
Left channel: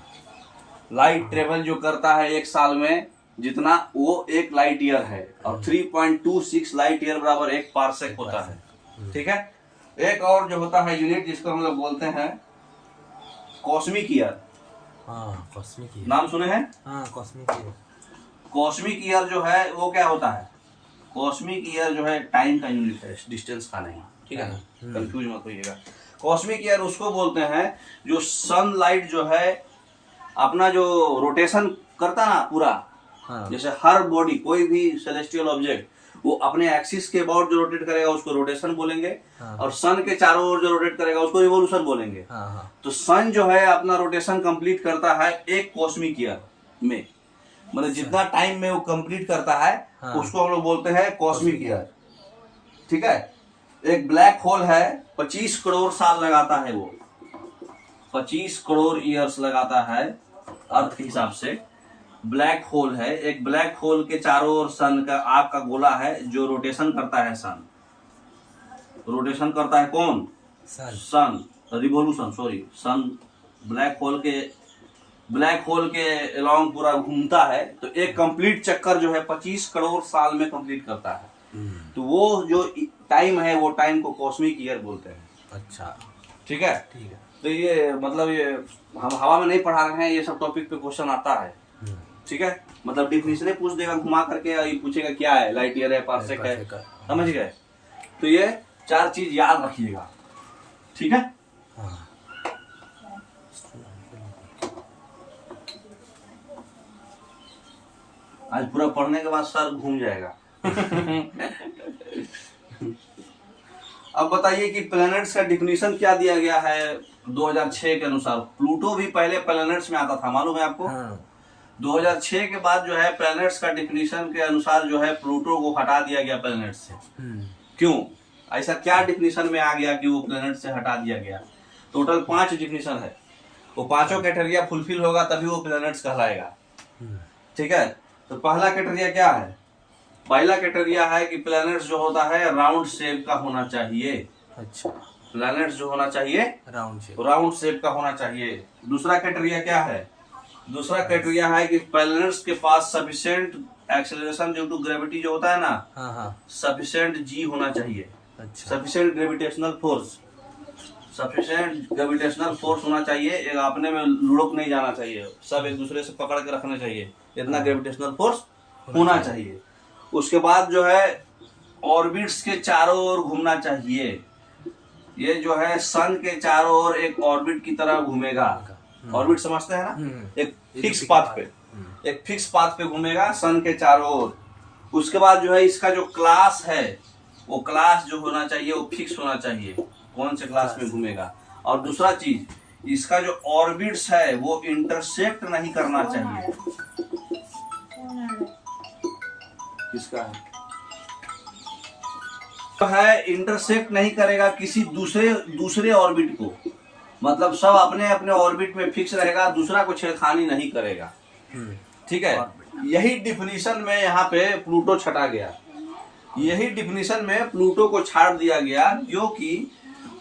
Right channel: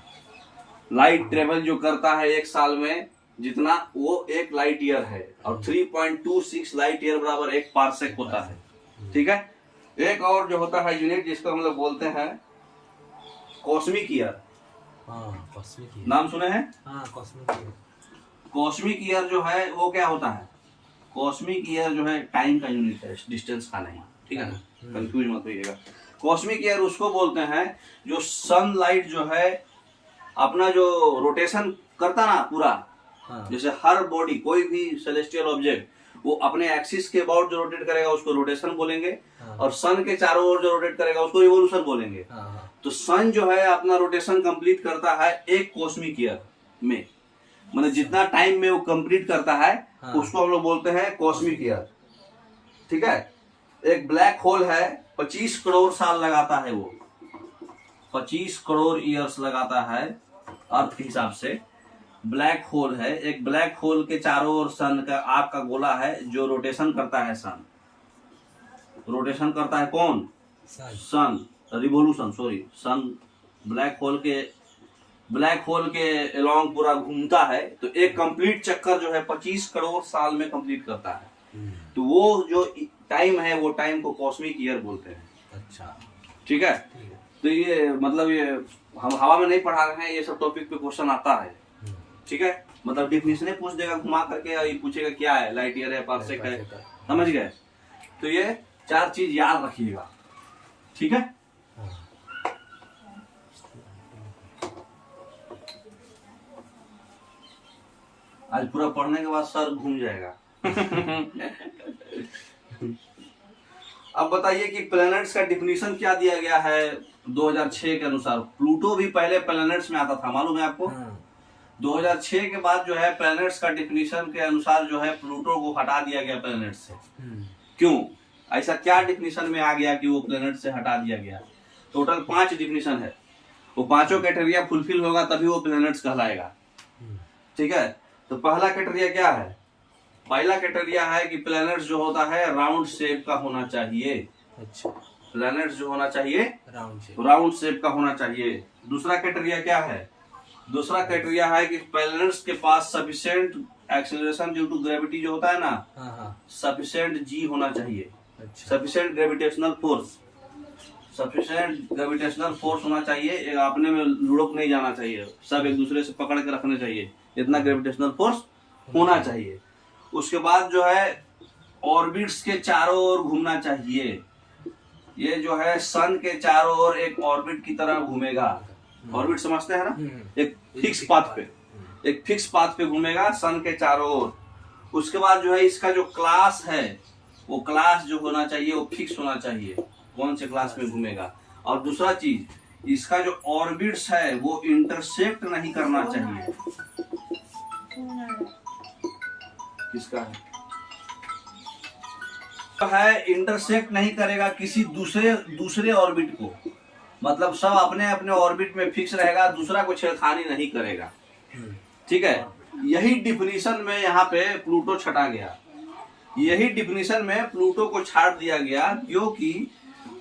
लाइट ट्रेवल जो करता है एक साल में जितना, वो एक लाइट ईयर है। और 3.26 लाइट ईयर बराबर एक पारसेक होता है। ठीक है। एक और जो होता है यूनिट जिसको हम लोग बोलते हैं कॉस्मिक ईयर। कॉस्मिक ईयर नाम सुने हैं? Cosmic year. कॉस्मिक ईयर जो है वो क्या होता है? कॉस्मिक ईयर जो है टाइम का यूनिट है, डिस्टेंस का नहीं। ठीक है, कंफ्यूज मत होइएगा। कॉस्मिक ईयर उसको बोलते हैं जो सनलाइट जो है अपना जो रोटेशन करता ना पूरा, जैसे हर बॉडी, कोई भी सेलेस्टियल ऑब्जेक्ट वो अपने एक्सिस के अबाउट जो रोटेट करेगा उसको रोटेशन बोलेंगे। और सन के चारों ओर जो रोटेट करेगा उसको रिवोल्यूशन बोलेंगे। तो सन जो है अपना रोटेशन कंप्लीट करता है एक कॉस्मिक ईयर में, मतलब जितना टाइम में वो कंप्लीट करता है उसको हम लोग बोलते हैं कॉस्मिक ईयर। ठीक है। एक ब्लैक होल है, 25 करोड़ साल लगाता है वो, 25 करोड़ ईयर्स लगाता है अर्थ के हिसाब से। ब्लैक होल है, एक ब्लैक होल के चारों ओर सन का आपका गोला है जो रोटेशन करता है। सन रोटेशन करता है, कौन? सन। रिवॉल्यूशन, सॉरी, सन ब्लैक होल के अलोंग पूरा घूमता है, तो एक कंप्लीट चक्कर जो है 25 करोड़ साल में कंप्लीट करता है। तो वो जो टाइम है, वो टाइम को कॉस्मिक ईयर बोलते हैं। अच्छा, ठीक है। तो ये मतलब ये हम हवा में नहीं पढ़ा रहे हैं, ये सब टॉपिक पे क्वेश्चन आता है। ठीक है, मतलब डिफिनेशन पूछ देगा घुमा करके, और ये पूछेगा क्या है, लाइट ईयर है, पार्सेक है, समझ गए। तो ये 4 चीज याद रखिएगा, ठीक है। आज पूरा पढ़ने के बाद सर घूम जाएगा। अब बताइए कि प्लैनेट्स का डिफिनीशन क्या दिया गया है 2006 के अनुसार। प्लूटो भी पहले प्लैनेट्स में आता था, मालूम है आपको। 2006 के बाद जो है प्लैनेट्स का डिफिनीशन के अनुसार जो है प्लूटो को हटा दिया गया प्लैनेट से। क्यों, ऐसा क्या डिफिनीशन में आ गया कि वो प्लैनेट से हटा दिया गया। टोटल 5 डिफिनीशन है, वो 5 क्राइटेरिया फुलफिल होगा तभी वो प्लैनेट्स कहलाएगा। ठीक है, तो पहला क्राइटेरिया क्या है। पहला क्राइटेरिया है कि प्लैनेट्स जो होता है राउंड शेप का होना चाहिए। अच्छा, प्लैनेट्स जो होना चाहिए राउंड शेप का होना चाहिए। दूसरा क्राइटेरिया क्या है, दूसरा क्राइटेरिया है कि प्लैनेट्स के पास sufficient acceleration due to gravity जो होता है ना, सफिशिएंट जी होना चाहिए। Sufficient gravitational force, sufficient gravitational force होना चाहिए। एक आपने में लुढ़क नहीं जाना चाहिए, सब एक दूसरे से पकड़ के रखने चाहिए, इतना ग्रेविटेशनल फोर्स होना चाहिए। उसके बाद जो है ऑर्बिट्स के चारों ओर घूमना चाहिए। ये जो है सन के चारों ओर एक ऑर्बिट की तरह घूमेगा। ऑर्बिट समझते हैं ना, एक फिक्स पाथ पे, एक फिक्स पाथ पे घूमेगा सन के चारों ओर। उसके बाद जो है इसका जो क्लास है, वो क्लास जो होना चाहिए वो फिक्स होना चाहिए, कौन से क्लास में घूमेगा। और दूसरा चीज, इसका जो ऑर्बिट्स है वो इंटरसेक्ट नहीं करना चाहिए। किसका है इंटरसेक्ट नहीं करेगा किसी दूसरे ऑर्बिट को, मतलब सब अपने अपने ऑर्बिट में फिक्स रहेगा, दूसरा को छेड़खानी नहीं करेगा। ठीक है, यही डिफिनीशन में यहाँ पे प्लूटो छटा गया। यही डिफिनीशन में प्लूटो को छाट दिया गया, क्योंकि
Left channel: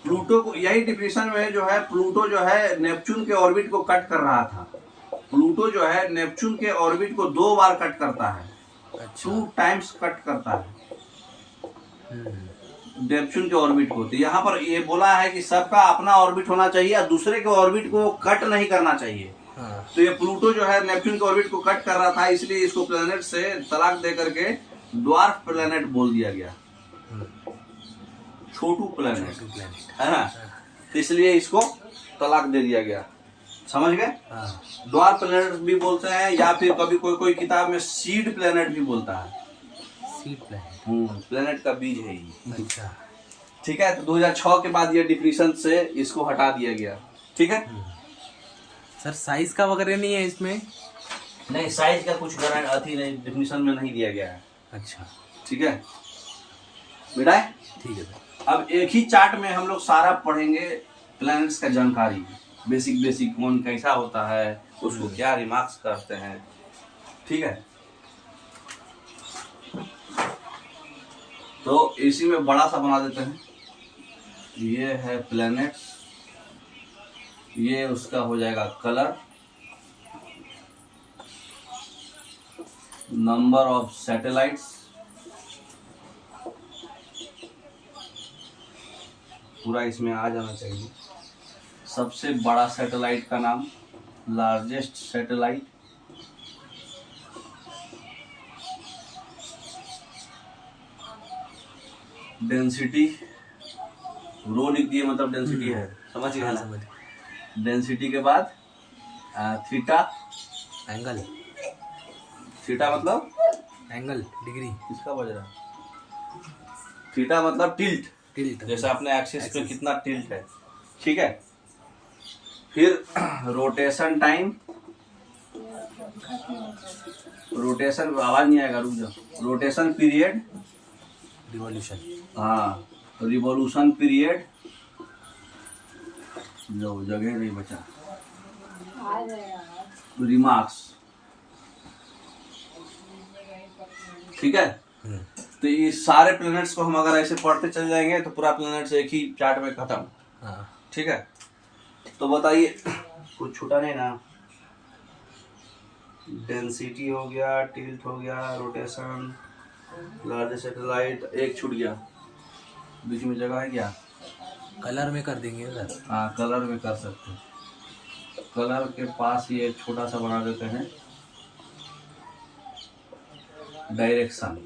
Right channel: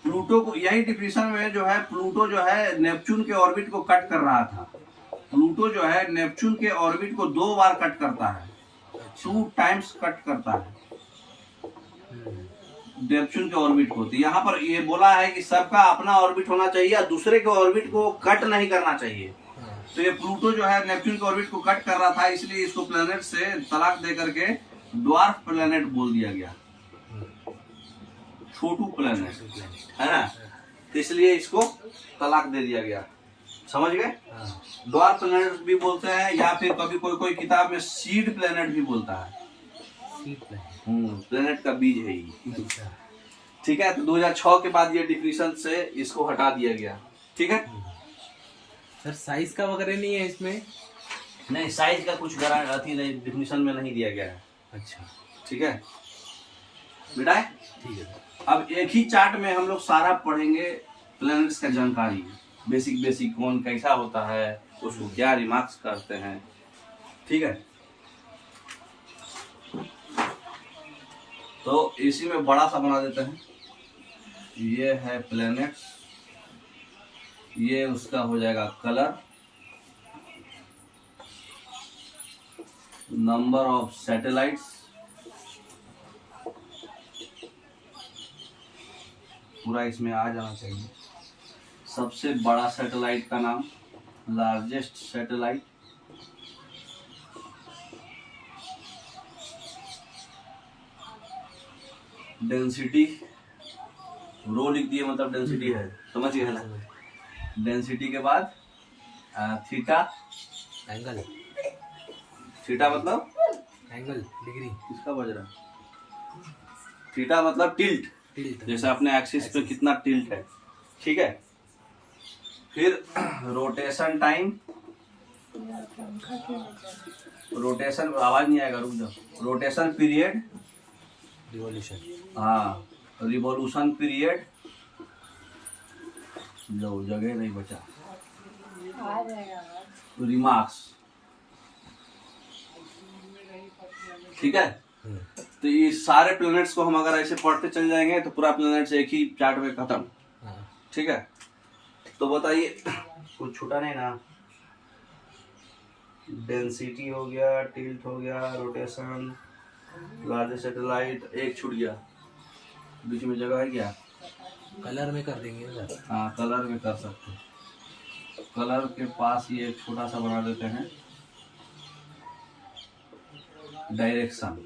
प्लूटो को, यही डिफिनीशन में जो है प्लूटो जो है नेपच्यून के ऑर्बिट को कट कर रहा था। प्लूटो जो है नेपच्यून के ऑर्बिट को 2 बार कट करता है, 2 टाइम्स कट करता है नेपच्यून के ऑर्बिट को। तो यहाँ पर ये बोला है कि सबका अपना ऑर्बिट होना चाहिए और दूसरे के ऑर्बिट को कट नहीं करना चाहिए। तो ये प्लूटो जो है नेपच्यून के ऑर्बिट को कट कर रहा था, इसलिए इसको प्लैनेट से तलाक दे करके ड्वार्फ प्लैनेट बोल दिया गया, छोटू प्लैनेट है ना, इसलिए इसको तलाक दे दिया गया। समझ गए। ड्वार्फ प्लैनेट भी बोलते हैं, या फिर कभी कोई किताब में सीड प्लैनेट भी बोलता है। प्लैनेट का बीज है ये। अच्छा। ठीक है, तो 2006 के बाद ये डिफिनीशन से इसको हटा दिया गया। ठीक है सर, साइज का वगैरह नहीं है इसमें? नहीं, साइज का कुछ अथी नहीं, डिफिनीशन में नहीं दिया गया है। अच्छा, ठीक है बेटा, ठीक है सर। अब एक ही चार्ट में हम लोग सारा पढ़ेंगे प्लैनेट्स का जानकारी, बेसिक कौन कैसा होता है, उसको क्या रिमार्क्स करते हैं। ठीक है, तो इसी में बड़ा सा बना देते हैं। ये है प्लैनेट्स, ये उसका हो जाएगा कलर, नंबर ऑफ सैटेलाइट्स, पूरा इसमें आ जाना चाहिए। सबसे बड़ा सैटेलाइट का नाम, लार्जेस्ट सैटेलाइट, डेंसिटी, रो लिख दिए मतलब डेंसिटी है, समझ गए ना। डेंसिटी के बाद थीटा, एंगल, थीटा मतलब एंगल, डिग्री, किसका बज रहा है। थीटा मतलब टिल्ट, जैसे अपने एक्सिस पे कितना टिल्ट है। ठीक है, फिर रोटेशन टाइम, रोटेशन, आवाज नहीं आएगा, रुक जाओ। रोटेशन पीरियड, रिवॉल्यूशन, हाँ रिवॉल्यूशन पीरियड, लो जगह नहीं बचा, रिमार्क्स। ठीक है, तो ये सारे प्लैनेट्स को हम अगर ऐसे पढ़ते चल जाएंगे तो पूरा प्लैनेट्स एक ही चार्ट में खत्म। ठीक है। तो बताइए, कुछ छूटा नहीं ना? डेंसिटी हो गया, टिल्ट हो गया, रोटेशन, लार्ज सैटेलाइट, एक छूट गया, बीच में जगह है क्या? कलर में कर देंगे सर। हाँ, कलर में कर सकते हैं। कलर के पास ये एक छोटा सा बना देते हैं, डायरेक्शन।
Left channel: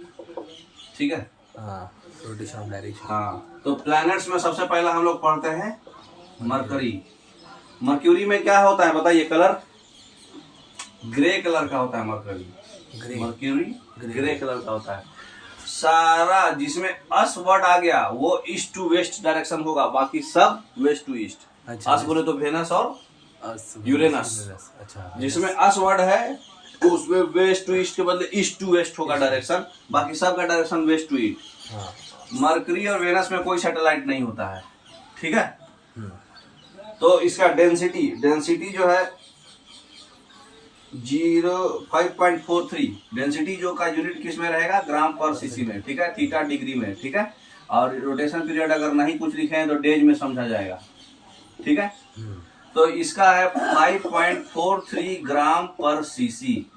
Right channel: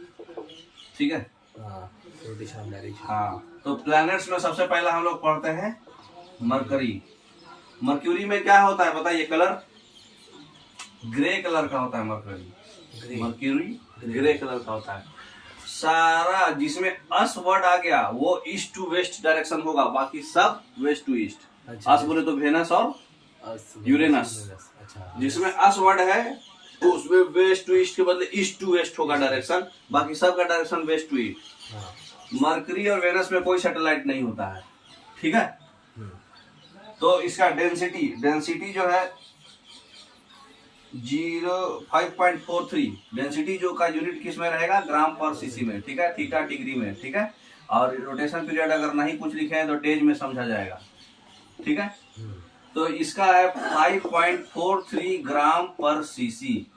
ठीक है, हाँ, रोटेशन ऑफ डायरेक्शन। हाँ, तो प्लैनेट्स में सबसे पहला हम लोग पढ़ते हैं मरकरी। मर्क्यूरी में क्या होता है बताइए? कलर ग्रे कलर का होता है मरकरी। मर्क्यूरी ग्रे कलर का होता है। सारा जिसमें अस वर्ड आ गया वो ईस्ट टू वेस्ट डायरेक्शन होगा, बाकी सब वेस्ट टू ईस्ट। अच्छा, अस बोले तो वेनस और यूरेनस। अच्छा, जिसमें अस वर्ड है तो उसमें वेस्ट टू ईस्ट के बदले ईस्ट टू वेस्ट होगा डायरेक्शन, बाकी सब का डायरेक्शन वेस्ट टू ईस्ट। हाँ। मरकरी और वेनस में कोई सैटेलाइट नहीं होता है। ठीक है, तो इसका डेंसिटी जो है 5.43। डेंसिटी जो का यूनिट किस में रहेगा? ग्राम पर सीसी में। ठीक है, थीटा डिग्री में। ठीक है, और रोटेशन पीरियड अगर नहीं कुछ लिखे हैं तो डेज में समझा जाएगा। ठीक है, तो इसका है 5.43 ग्राम पर सीसी।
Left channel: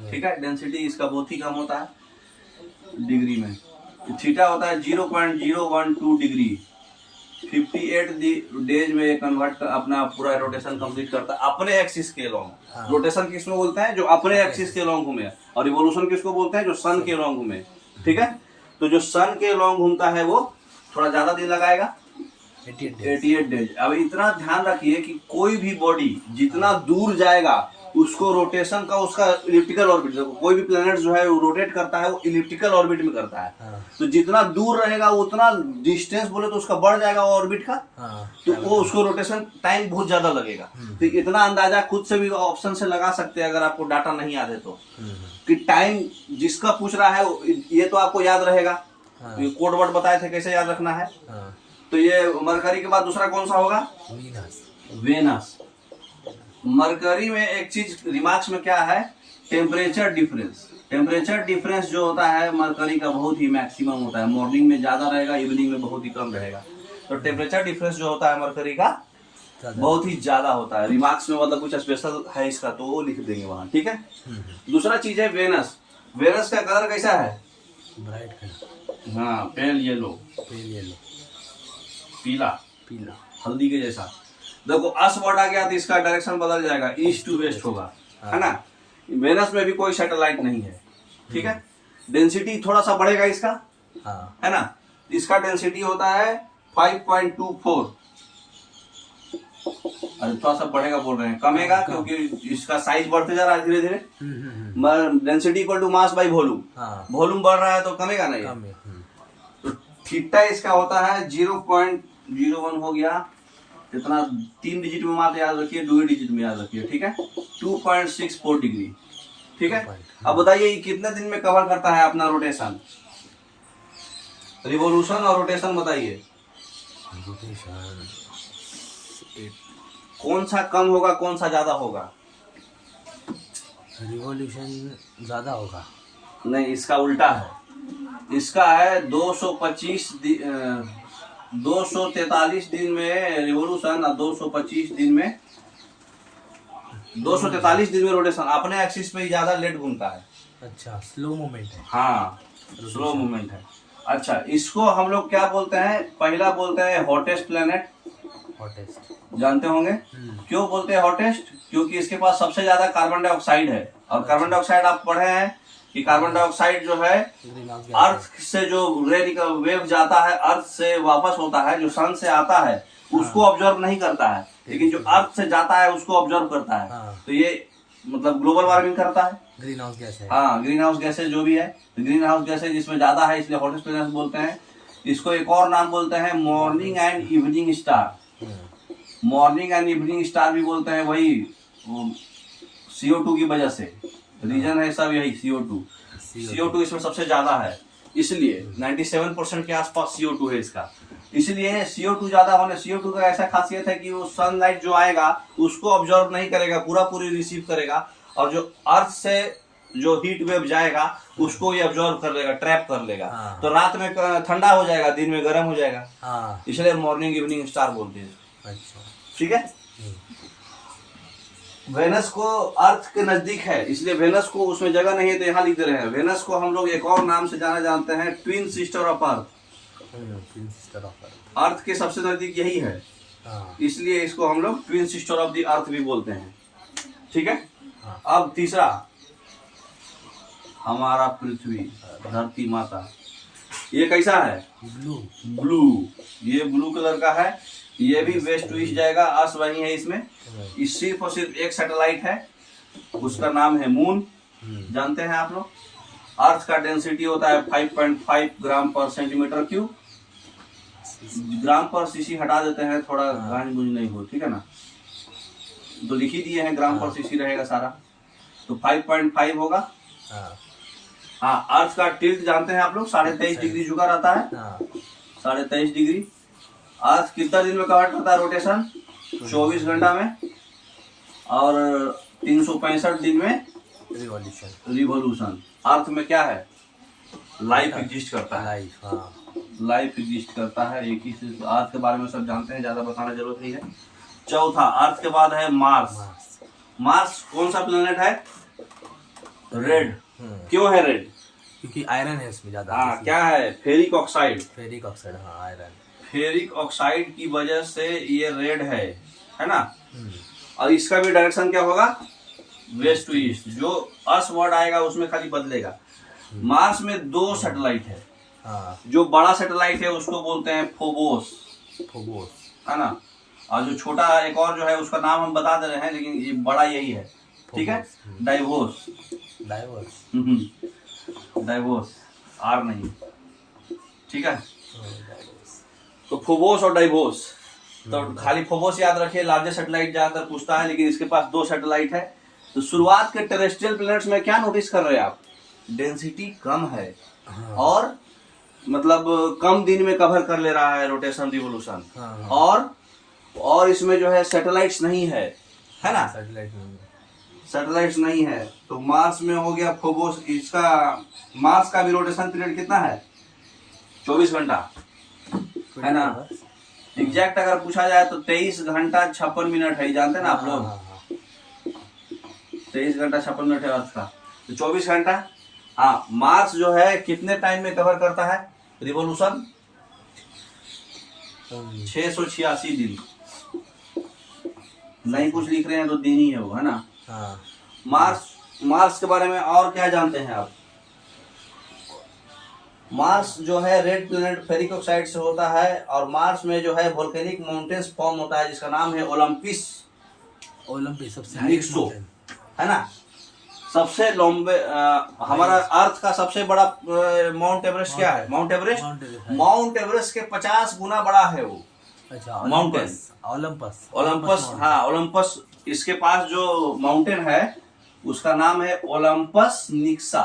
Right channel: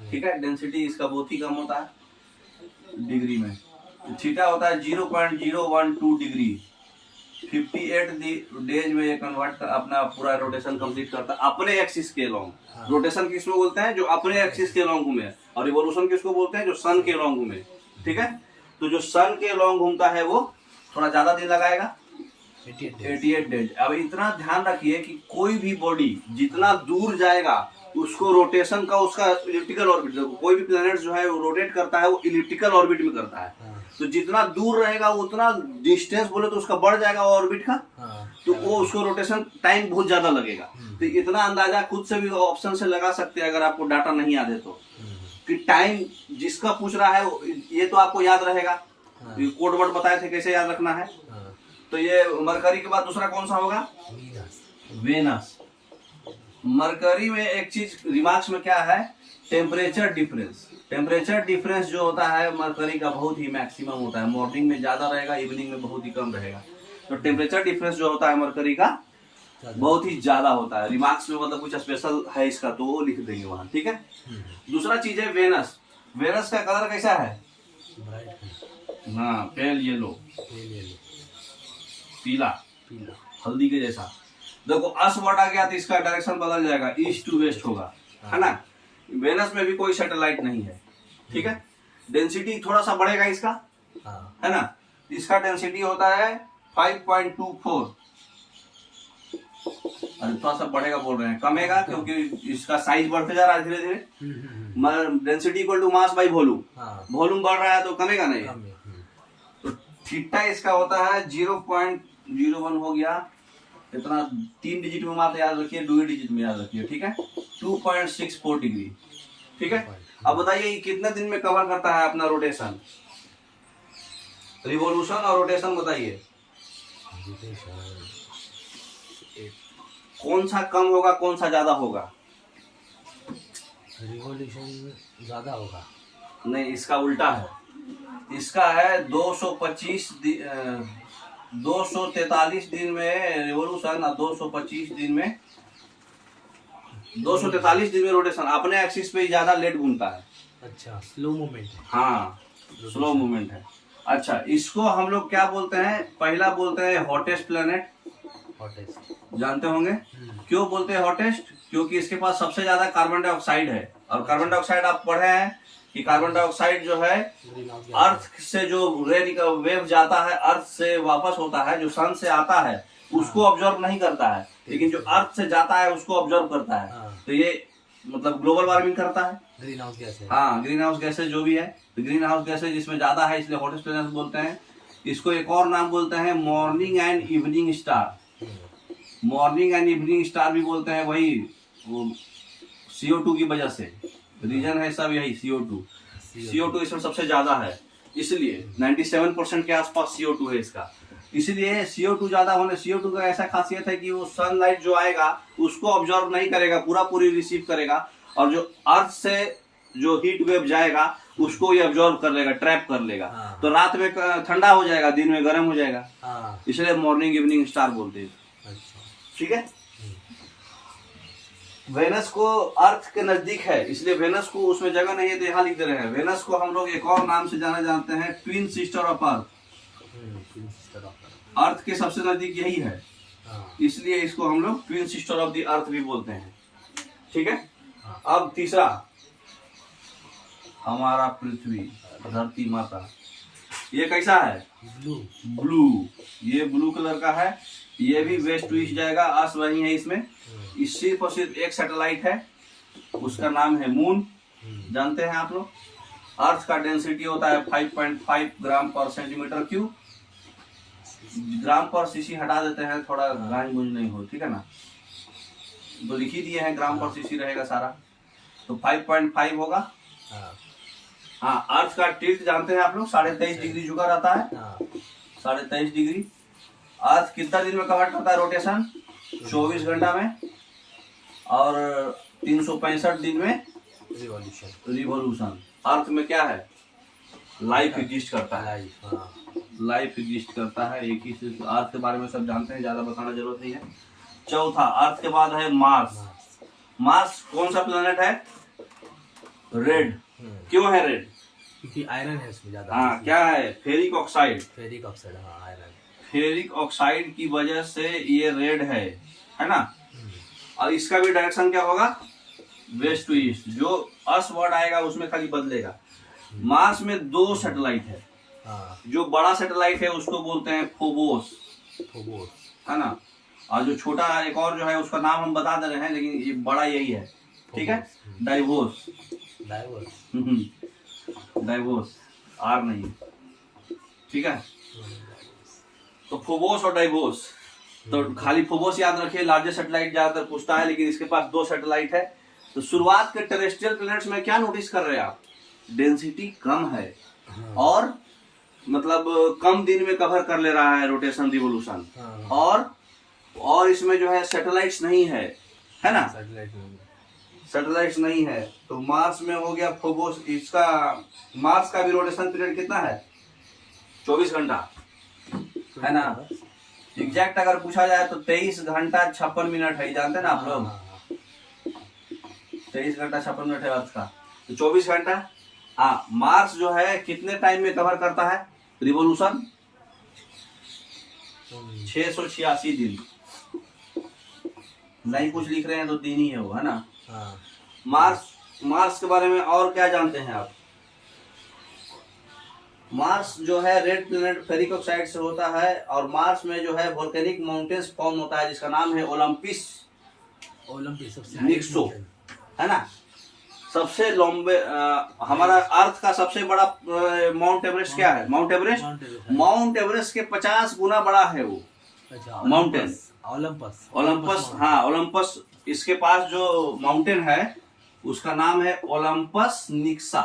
ठीक है, डेंसिटी इसका बहुत ही कम होता है डिग्री में। थीटा होता है 0.012 डिग्री। 58 डेज में ये कन्वर्ट अपना पूरा रोटेशन कंप्लीट करता है अपने एक्सिस के लॉन्ग। रोटेशन किसको बोलते हैं? जो अपने एक्सिस के लॉन्ग घूमे। और रिवोल्यूशन किसको बोलते हैं? जो सन के लॉन्ग घूमे। ठीक है, तो जो सन के लॉन्ग घूमता है वो थोड़ा ज्यादा दिन लगाएगा, 88 डेज। अब इतना ध्यान रखिए कि कोई भी बॉडी जितना दूर जाएगा उसको रोटेशन का उसका इलिप्टिकल ऑर्बिट, कोई भी प्लैनेट जो है वो रोटेट करता है वो इलिप्टिकल ऑर्बिट में करता है। तो जितना दूर रहेगा उतना डिस्टेंस बोले तो उसका बढ़ जाएगा ऑर्बिट का। तो वो उसको रोटेशन टाइम बहुत ज्यादा लगेगा। तो इतना अंदाजा खुद से भी ऑप्शन से लगा सकते हैं अगर आपको डाटा नहीं याद है तो, कि टाइम जिसका पूछ रहा है ये तो आपको याद रहेगा। कोड वर्ड बताए थे कैसे याद रखना है। तो ये मरकरी के बाद दूसरा कौन सा होगा? वेनस। मरकरी में एक चीज रिमार्क्स में क्या है? Temperature difference. टेम्परेचर डिफरेंस जो होता है मरकरी का बहुत ही मैक्सिमम होता है। मॉर्निंग में ज्यादा रहेगा, इवनिंग में बहुत ही कम रहेगा। तो टेम्परेचर डिफरेंस जो होता है मरकरी का बहुत ही ज्यादा होता है। रिमार्क्स में मतलब कुछ स्पेशल है इसका तो वो लिख देंगे वहां। ठीक है, दूसरा चीज है वेनस। वेनस का कलर कैसा है? Bright colour. हाँ, पेल येलो, पीला, हल्दी के जैसा। देखो अस वर्ड आ गया तो इसका डायरेक्शन बदल जाएगा, ईस्ट टू वेस्ट होगा। है ना, वेनस में भी कोई सैटेलाइट नहीं है। ठीक है, डेंसिटी थोड़ा सा बढ़ेगा इसका। है ना, इसका डेंसिटी होता है 5.24। अरे थोड़ा सा बढ़ेगा बोल रहे हैं, कमेगा क्योंकि इसका साइज बढ़ते जा रहा है धीरे धीरे। Density equal to mass by volume. Volume बढ़ रहा है तो कमेगा नहीं। तो थीटा इसका होता है 0.01 हो गया। इतना 3 डिजिट में मात्र याद रखिए, 2 डिजिट में याद रखिए। ठीक है, 2.64 डिग्री। ठीक है, अब बताइए ये कितने दिन में कवर करता है अपना रोटेशन? रिवोल्यूशन और रोटेशन बताइए कौन सा कम होगा कौन सा ज्यादा होगा? रिवोल्यूशन ज्यादा होगा। नहीं, इसका उल्टा है। इसका है 243 दिन में रिवोल्यूशन और 243 दिन में 243 दिन में रोटेशन। अपने एक्सिस पे ही ज्यादा लेट घूमता है। अच्छा, स्लो मूवमेंट है। हाँ, स्लो मूवमेंट है। अच्छा, इसको हम लोग क्या बोलते हैं? पहला बोलते हैं हॉटेस्ट प्लैनेट। जानते होंगे क्यों बोलते हैं हॉटेस्ट? क्योंकि इसके पास सबसे ज्यादा कार्बन डाइऑक्साइड है। और कार्बन डाइऑक्साइड आप पढ़े हैं कि कार्बन डाइऑक्साइड जो है अर्थ से जो वेव जाता है, अर्थ से वापस होता है, जो सन से आता है उसको ऑब्जर्व नहीं करता है, लेकिन जो अर्थ से जाता है उसको ऑब्जर्व करता है। तो ये मतलब ग्लोबल वार्मिंग करता है। ग्रीन हाउस गैस है। हाँ, ग्रीन हाउस गैसेज जो भी है, तो ग्रीन हाउस गैसेज जिसमें ज्यादा है इसलिए हॉटेस्ट प्लैनेट बोलते हैं। इसको एक और नाम बोलते हैं morning and evening star. Morning and evening star भी बोलते हैं, वही CO2 की वजह से। रीजन है सब यही, CO2 इसमें सबसे ज्यादा है, इसलिए 97% के आसपास CO2 है इसका। इसलिए CO2 ज्यादा होने, CO2 का ऐसा खासियत है कि वो सनलाइट जो आएगा उसको ऑब्जर्व नहीं करेगा, पूरी रिसीव करेगा। और जो अर्थ से जो हीट वेव जाएगा उसको ये ऑब्जर्व कर लेगा, ट्रैप कर लेगा। तो रात में ठंडा हो जाएगा, दिन में गर्म हो जाएगा। इसलिए मॉर्निंग इवनिंग स्टार बोलते हैं। ठीक है। वेनस को अर्थ के नजदीक है, इसलिए वेनस को उसमें जगह नहीं है तो यहाँ लिख दे रहे हैं। वेनस को हम लोग एक और नाम से जाना जानते हैं, twin sister of earth. Twin sister of earth. Earth के सबसे नजदीक यही है, हाँ। इसलिए इसको हम लोग twin sister of the earth भी बोलते हैं। ठीक है। हाँ। अब तीसरा, हमारा पृथ्वी, धरती माता, ये कैसा है? ब्लू। ब्लू, ये ब्लू कलर का है। ये भी वेस्ट टू ईस्ट जाएगा, अर्थ वही है इसमें। इस सिर्फ और सिर्फ एक सैटेलाइट है, उसका नाम है मून। जानते हैं आप लोग। अर्थ का डेंसिटी होता है 5.5 ग्राम पर सेंटीमीटर क्यूब। ग्राम पर सीसी हटा देते हैं, थोड़ा गांज मुझ नहीं हो, ठीक है ना। तो लिख ही दिए हैं, ग्राम पर सीसी रहेगा सारा, तो 5.5 होगा। हाँ, अर्थ का टिल्ट जानते हैं आप लोग, 23.5 डिग्री झुका रहता है। 23.5 डिग्री। अर्थ कितना दिन में कवर करता है रोटेशन? 24 घंटा में, और 365 दिन में रिवॉल्यूशन। अर्थ में क्या है? लाइफ एग्जिस्ट करता है। लाइफ एग्जिस्ट करता है। एक ही से अर्थ के बारे में सब जानते हैं, ज्यादा बताना जरूरत नहीं है। चौथा, अर्थ के बाद है मार्स। मार्स कौन सा प्लेनेट है? रेड। क्यों है रेड? क्योंकि आयरन है इसमें ज्यादा। हाँ, क्या है? Ferric oxide. फेरिक ऑक्साइड, हाँ, आयरन। फेरिक ऑक्साइड की वजह से ये रेड है ना। और इसका भी डायरेक्शन क्या होगा? West to east. जो अर्थ वर्ड आएगा उसमें खाली बदलेगा। मार्स में 2 सैटेलाइट है। जो बड़ा सैटेलाइट है उसको बोलते हैं फोबोस, है ना। और जो छोटा एक और जो है उसका नाम हम बता दे रहे हैं, लेकिन ये बड़ा यही है, ठीक है। डाइवोस। डाइवोस, आर नहीं, ठीक है। तो फोबोस और डाइवोस, तो खाली फोबोस याद रखिए। लार्जेस्ट सैटेलाइट ज्यादातर पूछता है, लेकिन इसके पास 2 सैटेलाइट है। तो शुरुआत के टेरेस्ट्रियल प्लैनेट्स में क्या नोटिस कर रहे हैं आप? डेंसिटी कम है, और मतलब कम दिन में कवर कर ले रहा है रोटेशन रिवोल्यूशन। और इसमें जो है सैटेलाइट्स नहीं है ना। सैटेलाइट्स नहीं है। तो मार्स में हो गया फोबोस। इसका मार्स का भी रोटेशन पीरियड कितना है? 24 घंटा, है ना। एग्जैक्ट अगर पूछा जाए तो 23 घंटा 56 मिनट है, जानते हैं ना आप लोग। 23 घंटा 56 मिनट है अर्थ का, तो 24 घंटा। हाँ, मार्स जो है कितने टाइम में कवर करता है रिवोल्यूशन? 686 दिन। नहीं कुछ लिख रहे हैं तो दिन ही है वो, है ना। मार्स के बारे में और क्या जानते हैं आप? मार्स जो है रेड प्लैनेट फेरिक ऑक्साइड से होता है, और मार्स में जो है वोल्केनिक माउंटेन्स फॉर्म होता है, जिसका नाम है ओलंपिस। सबसे निक्सो, है ना। सबसे लंबे हमारा अर्थ का सबसे बड़ा माउंट एवरेस्ट क्या है? माउंट एवरेस्ट के 50 गुना बड़ा है वो माउंटेन। ओलंपस, हाँ, ओलंपस। इसके पास जो माउंटेन है उसका नाम है ओलंपस निक्सा,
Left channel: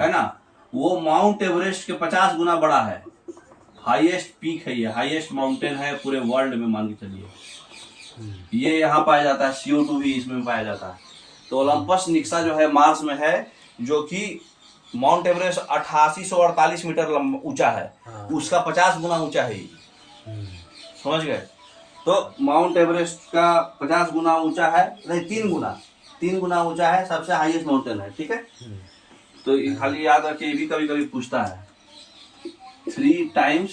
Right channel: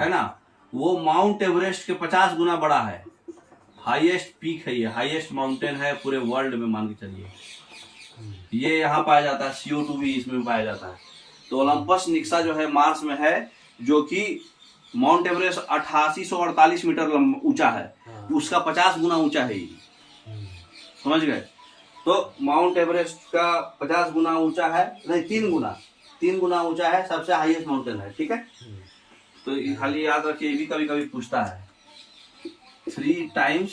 है ना। वो माउंट एवरेस्ट के 50 गुना बड़ा है। हाईएस्ट पीक है ये, हाईएस्ट माउंटेन है पूरे वर्ल्ड में, मान के चलिए। ये यहाँ पाया जाता है, CO2 भी इसमें पाया जाता है। तो ओलंपस निक्सा जो है मार्स में है, जो कि माउंट एवरेस्ट 8848 मीटर ऊंचा है। उसका 50 गुना ऊंचा है ये, समझ गए। तो माउंट एवरेस्ट का 50 गुना ऊंचा है, नहीं 3 गुना ऊंचा है, सबसे हाईएस्ट माउंटेन है, ठीक है। तो खाली याद रखिए, ये भी कभी कभी पूछता है। 3 times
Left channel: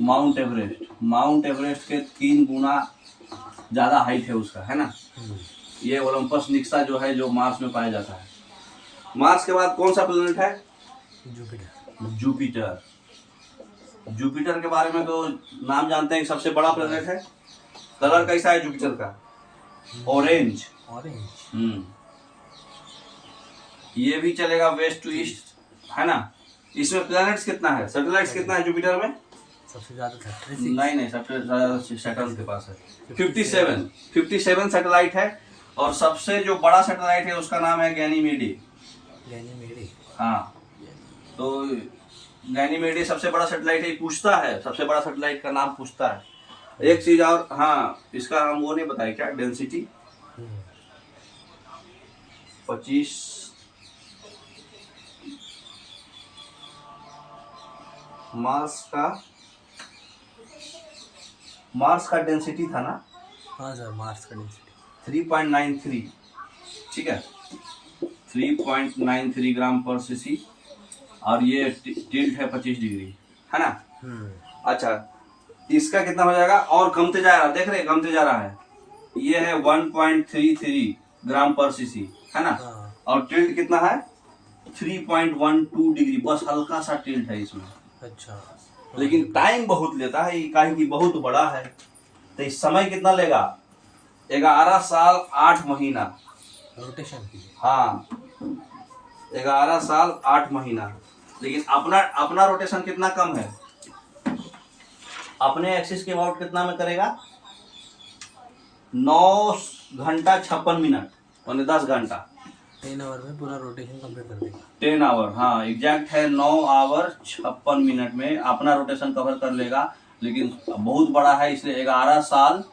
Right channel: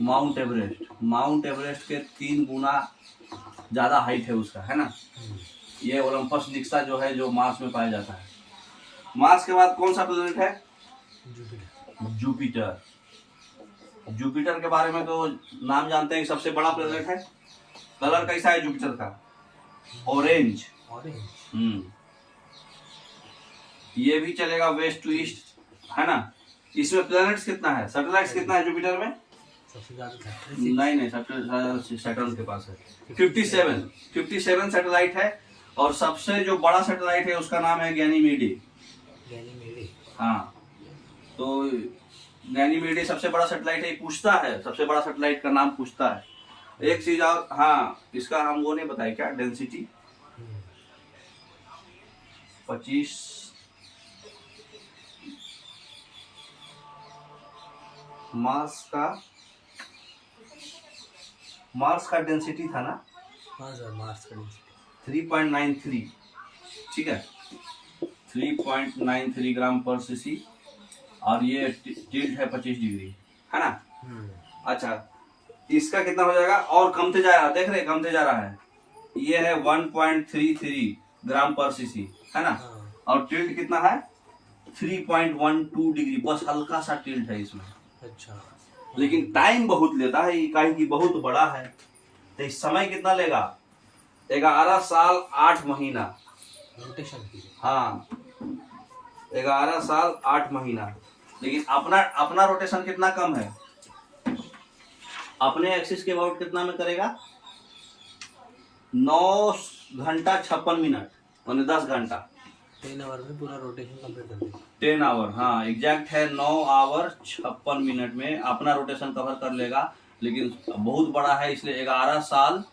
mount Everest. Mount Everest के 3 गुना ज्यादा हाइट है उसका, है ना। ये ओलंपस निक्सा जो है, जो मार्स में पाया जाता है। मार्स के बाद कौन सा प्लैनेट है? जुपिटर। जुपिटर के बारे में तो नाम जानते हैं कि सबसे बड़ा प्लैनेट है। कलर कैसा है जुपिटर का? ऑरेंज। ये भी चलेगा वेस्ट टू ईस्ट, है ना। इसमें प्लैनेट्स कितना है? सैटेलाइट्स कितना है जुपिटर में? सबसे ज्यादा नहीं, सबसे ज्यादा सैटर्न के पास है। 57 सैटेलाइट है, और सबसे जो बड़ा सैटेलाइट है उसका नाम है गैनीमेडे। हाँ, तो गैनीमेडे सबसे बड़ा सैटेलाइट है। पूछता है सबसे बड़ा सैटेलाइट का नाम पूछता है। एक चीज और, हाँ, इसका हम वो नहीं बताए क्या? डेंसिटी 25 मार्स का डेंसिटी था ना। हाँ सर, मार्स का डेंसिटी 3.93, ठीक है, 3.93 ग्राम पर सीसी, और ये टिल्ट है 25 डिग्री, है ना। अच्छा, इसका कितना हो जाएगा, और कमते जा रहा है, देख रहे कमते जा रहा है, ये है 1.33 ग्राम पर सीसी, है ना। और टिल्ट कितना है 3.12 डिग्री, बस हल्का सा टिल्ट है इसमें। अच्छा, लेकिन टाइम बहुत लेता है, ये काहे कि बहुत बड़ा है, तो इस समय कितना लेगा, 11 साल 8 महीना रोटेशन की। हाँ, 11 साल 8 महीना। लेकिन अपना रोटेशन कितना कम है, अपने एक्सिस के अबाउट कितना में करेगा, 9 घंटा 56 मिनट, यानी 10 घंटा, 10 आवर में पूरा रोटेशन कंप्लीट कर देगा। 10 आवर, हाँ एग्जैक्ट है, 9 आवर 56 मिनट में अपना रोटेशन कवर कर लेगा। लेकिन बहुत बड़ा है, इसलिए 11 साल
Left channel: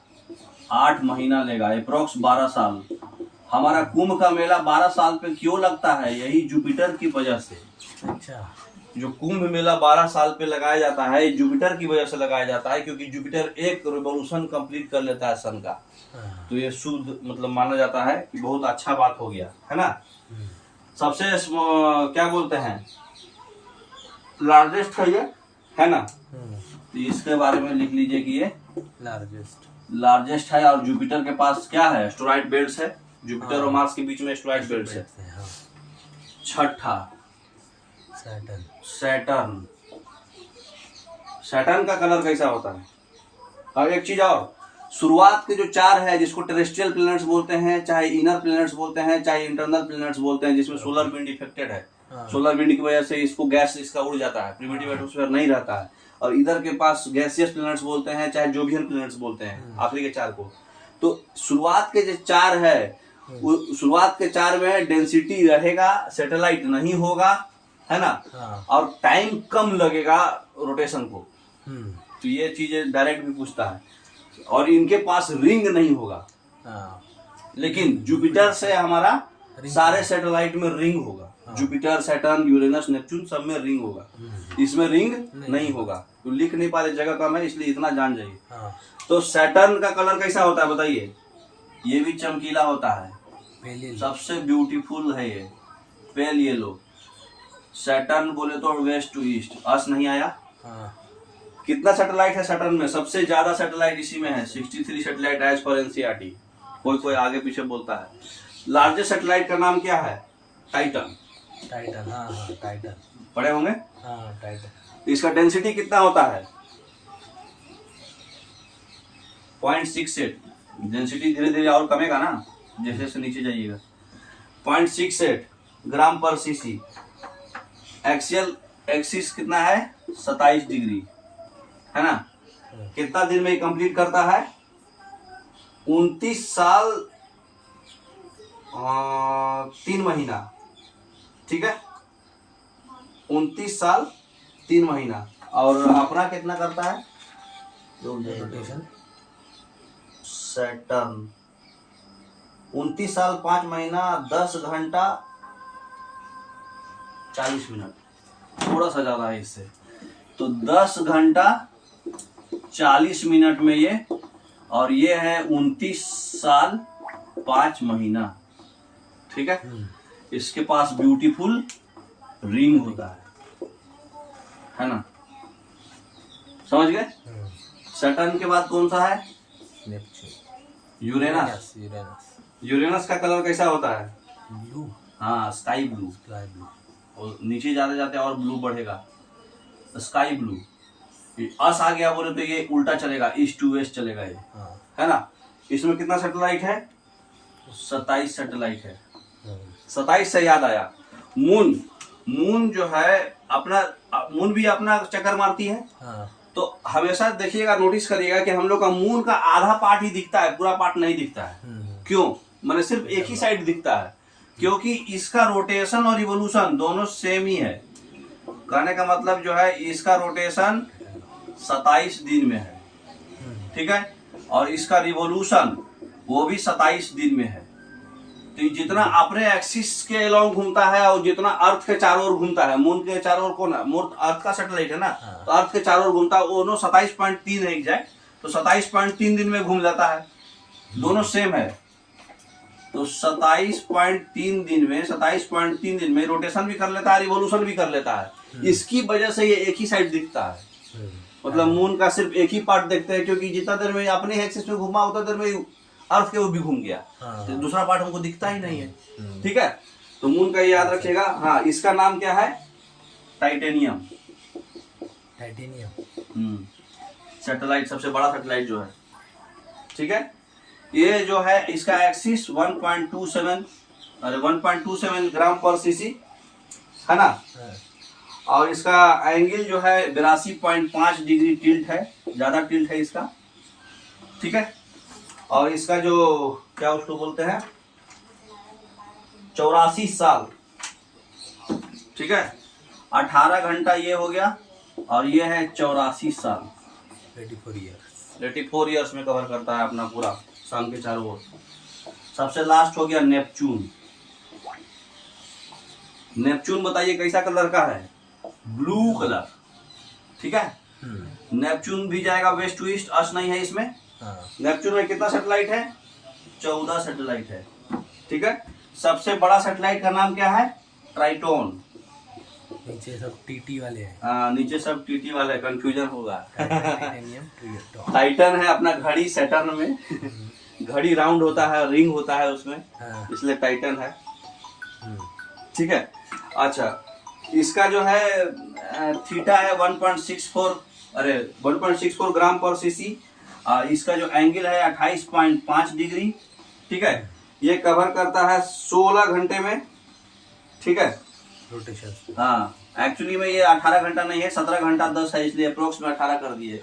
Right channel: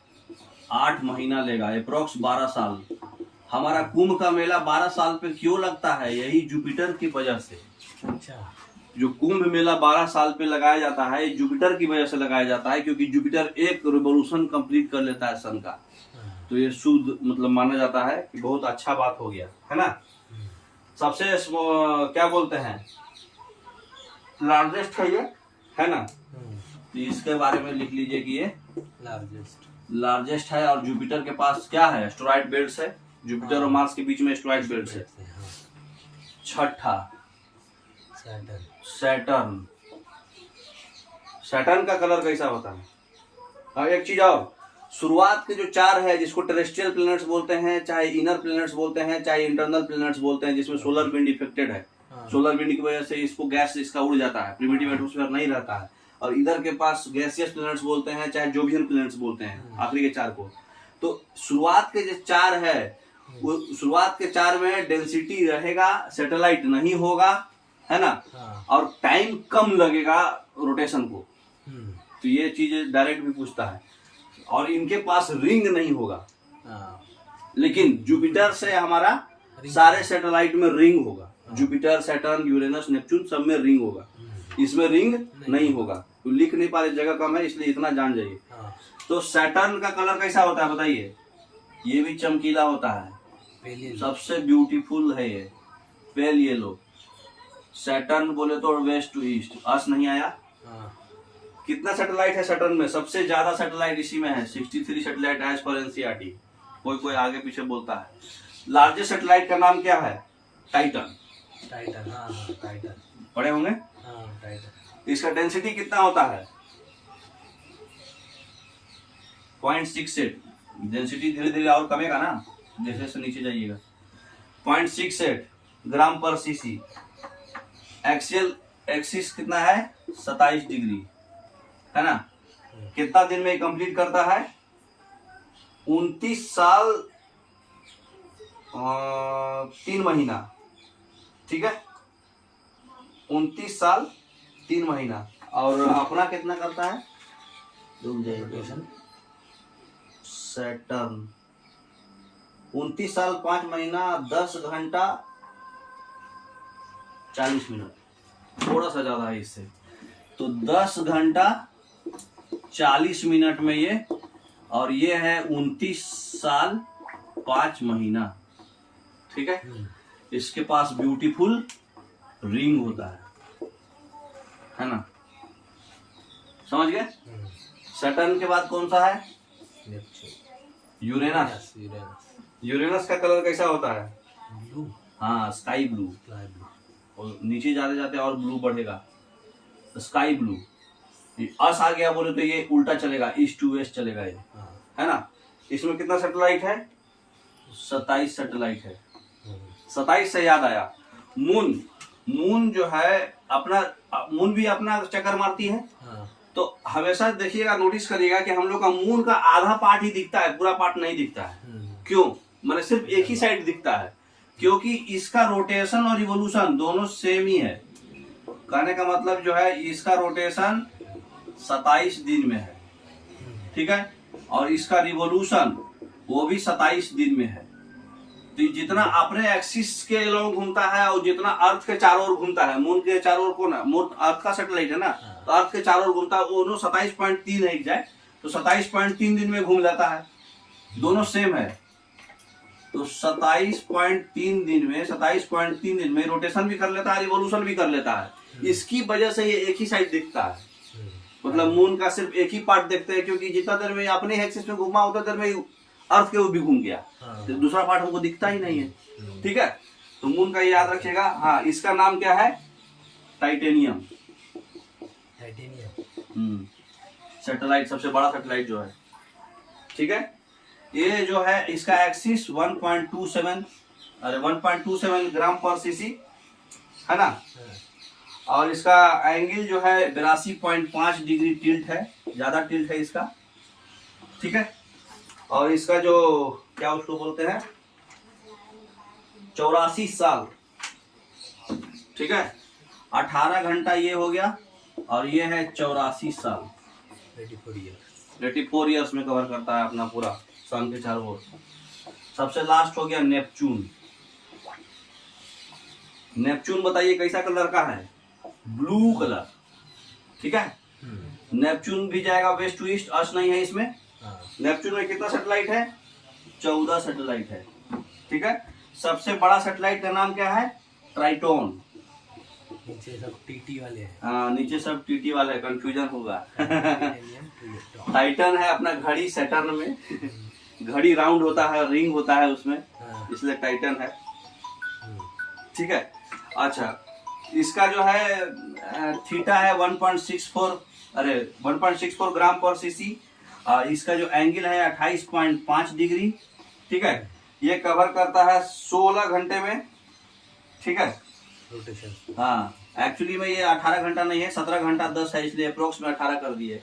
8 महीना लेगा, अप्रोक्स 12 साल। हमारा कुंभ का मेला 12 साल पे क्यों लगता है, यही जुपिटर की वजह से। अच्छा, जो कुंभ मेला 12 साल पे लगाया जाता है, जुपिटर की वजह से लगाया जाता है, क्योंकि जुपिटर एक रिवोल्यूशन कंप्लीट कर लेता है सन का। तो ये शुद्ध मतलब माना जाता है कि बहुत अच्छा बात हो गया, है ना। सबसे क्या बोलते हैं, लार्जेस्ट है ये, है ना। तो इसके बारे में लिख लीजिए कि ये लार्जेस्ट है। और जुपिटर के पास क्या है, एस्टेरॉयड बेल्ट्स है, जुपिटर और मार्स के बीच में एस्टेरॉयड बेल्ट्स है। छठा सैटर्न। सैटर्न का कलर कैसा होता है, और एक चीज और, शुरुआत के जो 4 है, जिसको टेरेस्ट्रियल प्लैनेट्स बोलते हैं, चाहे इनर प्लैनेट्स बोलते हैं, चाहे इंटरनल प्लैनेट्स बोलते हैं, जिसमें सोलर विंड इफेक्टेड है। सोलर विंड की वजह से इसको गैस इसका उड़ जाता है, प्रिमिटिव एटमॉस्फेयर नहीं रहता है। और इधर के पास गैसियस प्लैनेट्स बोलते हैं, चाहे जोवियन प्लैनेट्स बोलते हैं, आखिरी के 4 को। तो शुरुआत के जो 4 है, वो शुरुआत के 4 में डेंसिटी रहेगा, सैटेलाइट नहीं होगा, है ना। और टाइम कम लगेगा रोटेशन को। तो ये चीजें डायरेक्ट भी पूछता है। और इनके पास रिंग नहीं होगा, लेकिन जुपिटर से हमारा सारे सैटेलाइट में रिंग होगा। जुपिटर, सैटर्न, यूरेनस, नेपच्यून सब में रिंग होगा, इसमें रिंग नहीं होगा। तो लिख नहीं पा रहे, जगह कम है, इसलिए इतना जान जाइए। तो सैटर्न का कलर कैसा होता है बताइए, ये भी चमकीला होता है, सबसे ब्यूटीफुल है ये, पेल येलो। सैटर्न बोले तो वेस्ट टू ईस्ट, अस नहीं आया। कितना सैटेलाइट है सैटर्न में, सबसे ज्यादा सैटेलाइट इसी में है, 63 सैटेलाइट एज पर एनसीईआरटी। कोई आगे पीछे बोलता है। लार्जेस्ट सैटेलाइट का नाम क्या है, टाइटन। टाइटन पढ़े होंगे। टाइटन। इसका डेंसिटी कितना होता है, 0.68। डेंसिटी धीरे धीरे और कमेगा ना, जैसे जैसे नीचे जाइएगा। 0.68 ग्राम पर सीसी। एक्सियल एक्सिस कितना है, 27 डिग्री, है ना। कितना दिन में कंप्लीट करता है, 29 साल 3 महीना, ठीक है, 29 साल 3 महीना। और अपना कितना करता है रोटेशन, सैटर्न 29 साल 5 महीना 10 घंटा 40 मिनट, थोड़ा सा ज्यादा है इससे। तो 10 घंटा 40 मिनट में ये, और ये है 29 साल 5 महीना, ठीक है। इसके पास ब्यूटीफुल रिंग होता है ना, समझ गए। सैटर्न के बाद कौन सा है, यूरेनस। यूरेनस का कलर कैसा होता है, ब्लू, हाँ स्काई ब्लू। और नीचे जाते जाते और ब्लू बढ़ेगा, स्काई ब्लू। अस आ गया बोले तो ये उल्टा चलेगा, ईस्ट टू वेस्ट चलेगा ये, है ना। इसमें कितना सैटेलाइट है, 27 सैटेलाइट है। 27 से याद आया, मून जो है अपना, मून भी अपना चक्कर मारती है। तो हमेशा देखिएगा, नोटिस करिएगा कि हम लोग का मून का आधा पार्ट ही दिखता है, पूरा पार्ट नहीं दिखता है। क्यों, मैंने सिर्फ एक ही साइड दिखता है, क्योंकि इसका रोटेशन और रिवोल्यूशन दोनों सेम ही है। कहने का मतलब जो है, इसका रोटेशन 27 दिन में है, ठीक है, और इसका रिवोल्यूशन वो भी 27 दिन में है। तो जितना अपने एक्सिस के अलोंग घूमता है और जितना अर्थ के चारों ओर घूमता है, मून के चारों ओर कौन है, मून अर्थ का सैटेलाइट है ना, तो अर्थ के चारों ओर घूमता है, दोनों 27.3 है एग्जैक्ट। तो 27.3 दिन में घूम जाता है, दोनों सेम है। तो 27.3 दिन में रोटेशन भी कर लेता है, रिवोल्यूशन भी कर लेता है। इसकी वजह से ये एक ही साइड दिखता है, मतलब मून का सिर्फ एक ही पार्ट देखते हैं, क्योंकि जितना देर में अपने एक्सिस में घूमा उतना देर में अर्थ के वो भी घूम गया, तो दूसरा पार्ट हमको दिखता ही नहीं है। ठीक है, तो मून का ये याद रखिएगा। हाँ, इसका नाम क्या है? टाइटेनियम। सैटेलाइट, सबसे बड़ा सैटेलाइट जो है। ठीक है, ये जो है इसका एक्सिस 1.27 ग्राम पर सीसी है ना, और इसका एंगल जो है 82.5 डिग्री टिल्ट है, ज्यादा टिल्ट है इसका। ठीक है, और इसका जो क्या उसको बोलते हैं 84 साल। ठीक है, 18 घंटा ये हो गया, और ये है 84 साल, 84 ईयर्स में कवर करता है अपना पूरा सन के चारों ओर। सबसे लास्ट हो गया नेपच्यून। नेपच्यून बताइए कैसा कलर का है? Blue colour. ठीक है, नेपच्यून भी जाएगा वेस्ट टू ईस्ट, अर्थ नहीं है इसमें। नेपच्यून में कितना सैटेलाइट है? 14 सैटेलाइट है। ठीक है, सबसे बड़ा सैटेलाइट का नाम क्या है? ट्राइटोन। नीचे सब टीटी वाले हैं। हाँ, नीचे सब टीटी वाले, कंफ्यूजन होगा। टाइटन है अपना घड़ी सैटर्न में। घड़ी राउंड होता है, रिंग होता है उसमें, इसलिए टाइटन है। ठीक है, अच्छा, इसका जो है थीटा है 1.64 ग्राम पर सीसी। इसका जो एंगल है 28.5 डिग्री। ठीक है, ये कवर करता है 16 घंटे में। ठीक है, रोटेशन। हाँ, एक्चुअली में ये 18 घंटा नहीं है, 17 घंटा 10 है, इसलिए अप्रोक्स में 18 कर दिए।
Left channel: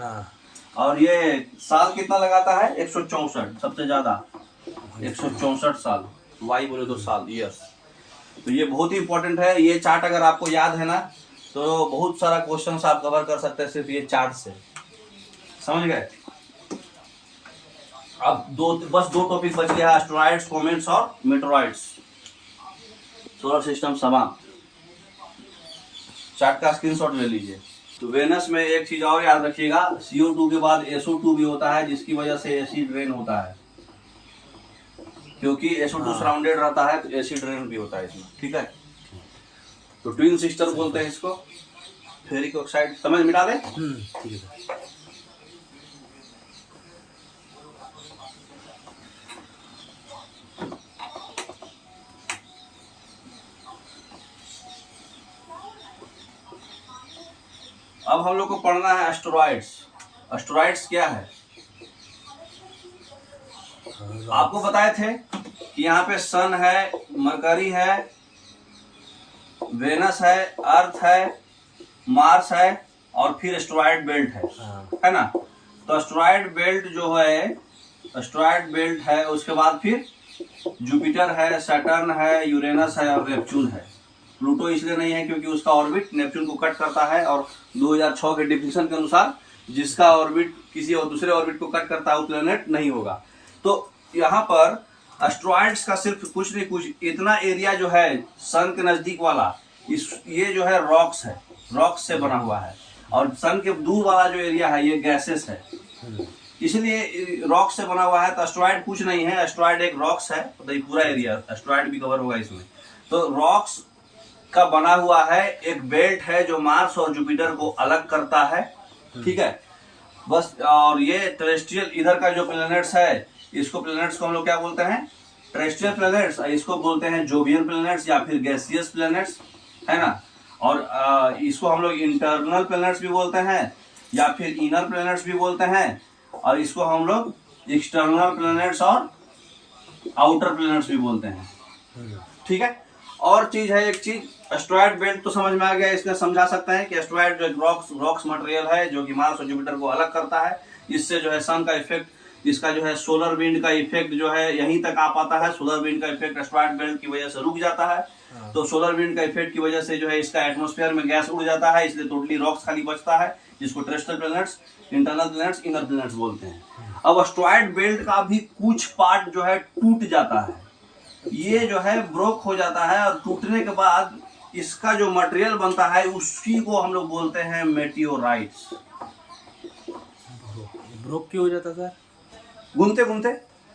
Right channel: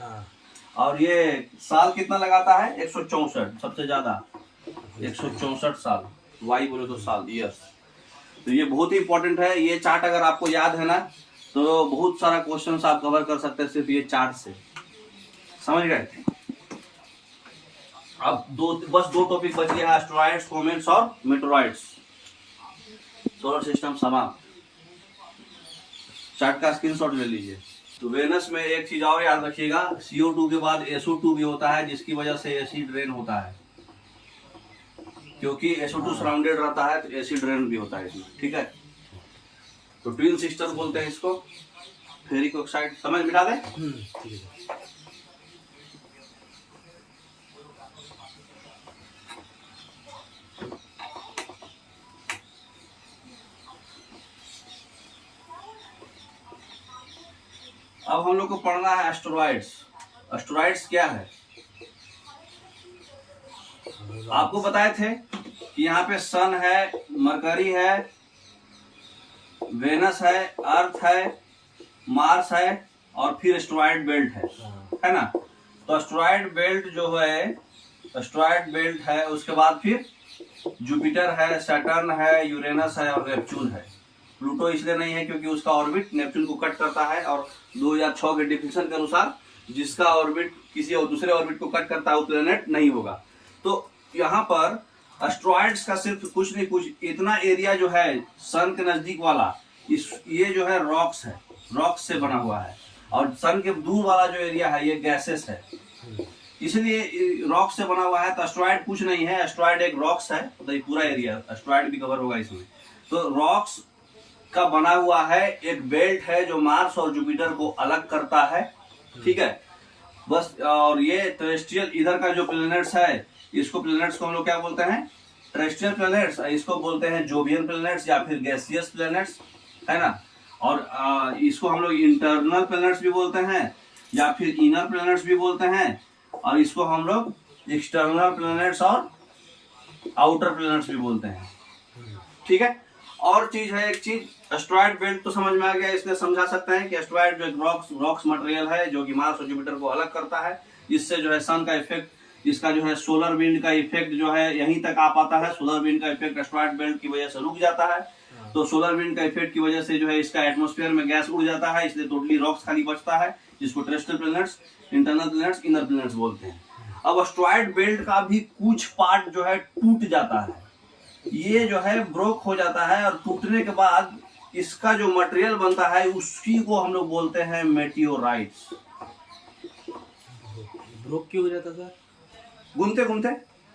और ये साल कितना लगाता है? 164, सबसे ज्यादा 164 साल। वाई बोले तो साल, ईयर्स। तो ये बहुत ही इंपॉर्टेंट है। ये चार्ट अगर आपको याद है ना, तो बहुत सारा क्वेश्चन आप कवर कर सकते हैं सिर्फ ये चार्ट से। समझ गए? अब बस दो टॉपिक बच गया है, एस्टेरॉइड्स, कॉमेट्स और मेटेरॉइड्स। सोलर सिस्टम समाप्त। चार्ट का स्क्रीनशॉट ले लीजिए। तो वेनस में एक चीज और याद रखिएगा, CO2 के बाद SO2 भी होता है, जिसकी वजह से एसिड रेन होता है। क्योंकि SO2 सराउंडेड रहता है, तो एसिड रेन भी होता है इसमें। ठीक है, तो ट्विन सिस्टर बोलते हैं इसको। फेरिक ऑक्साइड समझ मिटा दे। ठीक है। अब हम लोग को पढ़ना है एस्टेरॉइड्स। एस्टेरॉइड्स क्या है? आपको बताए थे कि यहाँ पे सन है, मरकरी है, वेनस है, अर्थ है, मार्स है, और फिर एस्टेरॉइड बेल्ट है ना। तो एस्टेरॉइड बेल्ट जो है, एस्टेरॉइड बेल्ट है, उसके बाद फिर जुपिटर है, सैटर्न है, यूरेनस है और नेपच्यून है। प्लूटो इसलिए नहीं है क्योंकि उसका ऑर्बिट नेपच्यून को कट करता है, और 2006 के डिफिनेशन के अनुसार जिसका ऑर्बिट किसी और दूसरे ऑर्बिट को कट करता है वो प्लेनेट नहीं होगा। तो यहाँ पर एस्टेरॉइड्स का सिर्फ कुछ नहीं कुछ इतना एरिया जो है सन के नजदीक वाला, ये जो है रॉक्स है, रॉक्स से बना हुआ है, और सन के दूर वाला जो एरिया है ये गैसेस है, इसलिए रॉक्स से बना हुआ है। तो एस्टेरॉइड कुछ नहीं है, एस्टेरॉइड एक रॉक्स है, तो ये पूरा एरिया एस्टेरॉइड भी कवर होगा इसमें। तो रॉक्स का बना हुआ है एक बेल्ट है जो मार्स और जुपिटर को अलग करता है। ठीक है, बस। और ये टेरेस्ट्रियल इधर का जो प्लैनेट्स है, इसको प्लैनेट्स को हम लोग क्या बोलते हैं? Terrestrial planets. इसको बोलते हैं जोवियन प्लैनेट्स या फिर गैसियस प्लैनेट्स, है ना। और इसको हम लोग इंटरनल प्लैनेट्स भी बोलते हैं या फिर इनर प्लैनेट्स भी बोलते हैं, और इसको हम लोग एक्सटर्नल प्लैनेट्स और आउटर प्लैनेट्स भी बोलते हैं। ठीक है, और चीज है एक चीज, एस्टेरॉइड बेल्ट तो समझ में आ गया। इसमें समझा सकते हैं कि एस्टेरॉइड जो रॉक्स मटेरियल है जो कि मार्स और जुपिटर को अलग करता है। इससे जो है सन का इफेक्ट, इसका जो है सोलर विंड का इफेक्ट जो है यहीं तक आ पाता है। सोलर विंड का इफेक्ट एस्टेरॉइड बेल्ट की वजह से रुक जाता है। तो सोलर विंड का इफेक्ट की वजह से जो है इसका एटमॉस्फेयर में गैस उड़ जाता है, इसलिए टोटली रॉक्स खाली बचता है, जिसको terrestrial planets, internal planets, inner planets बोलते हैं। अब एस्टेरॉइड बेल्ट का भी कुछ पार्ट जो है टूट जाता है, ये जो है ब्रोक हो जाता है, और टूटने के बाद इसका जो मटेरियल बनता है उसकी को हम लोग बोलते हैं मेटियोराइट्स। ब्रोक क्यों हो जाता सर? घूमते घूमते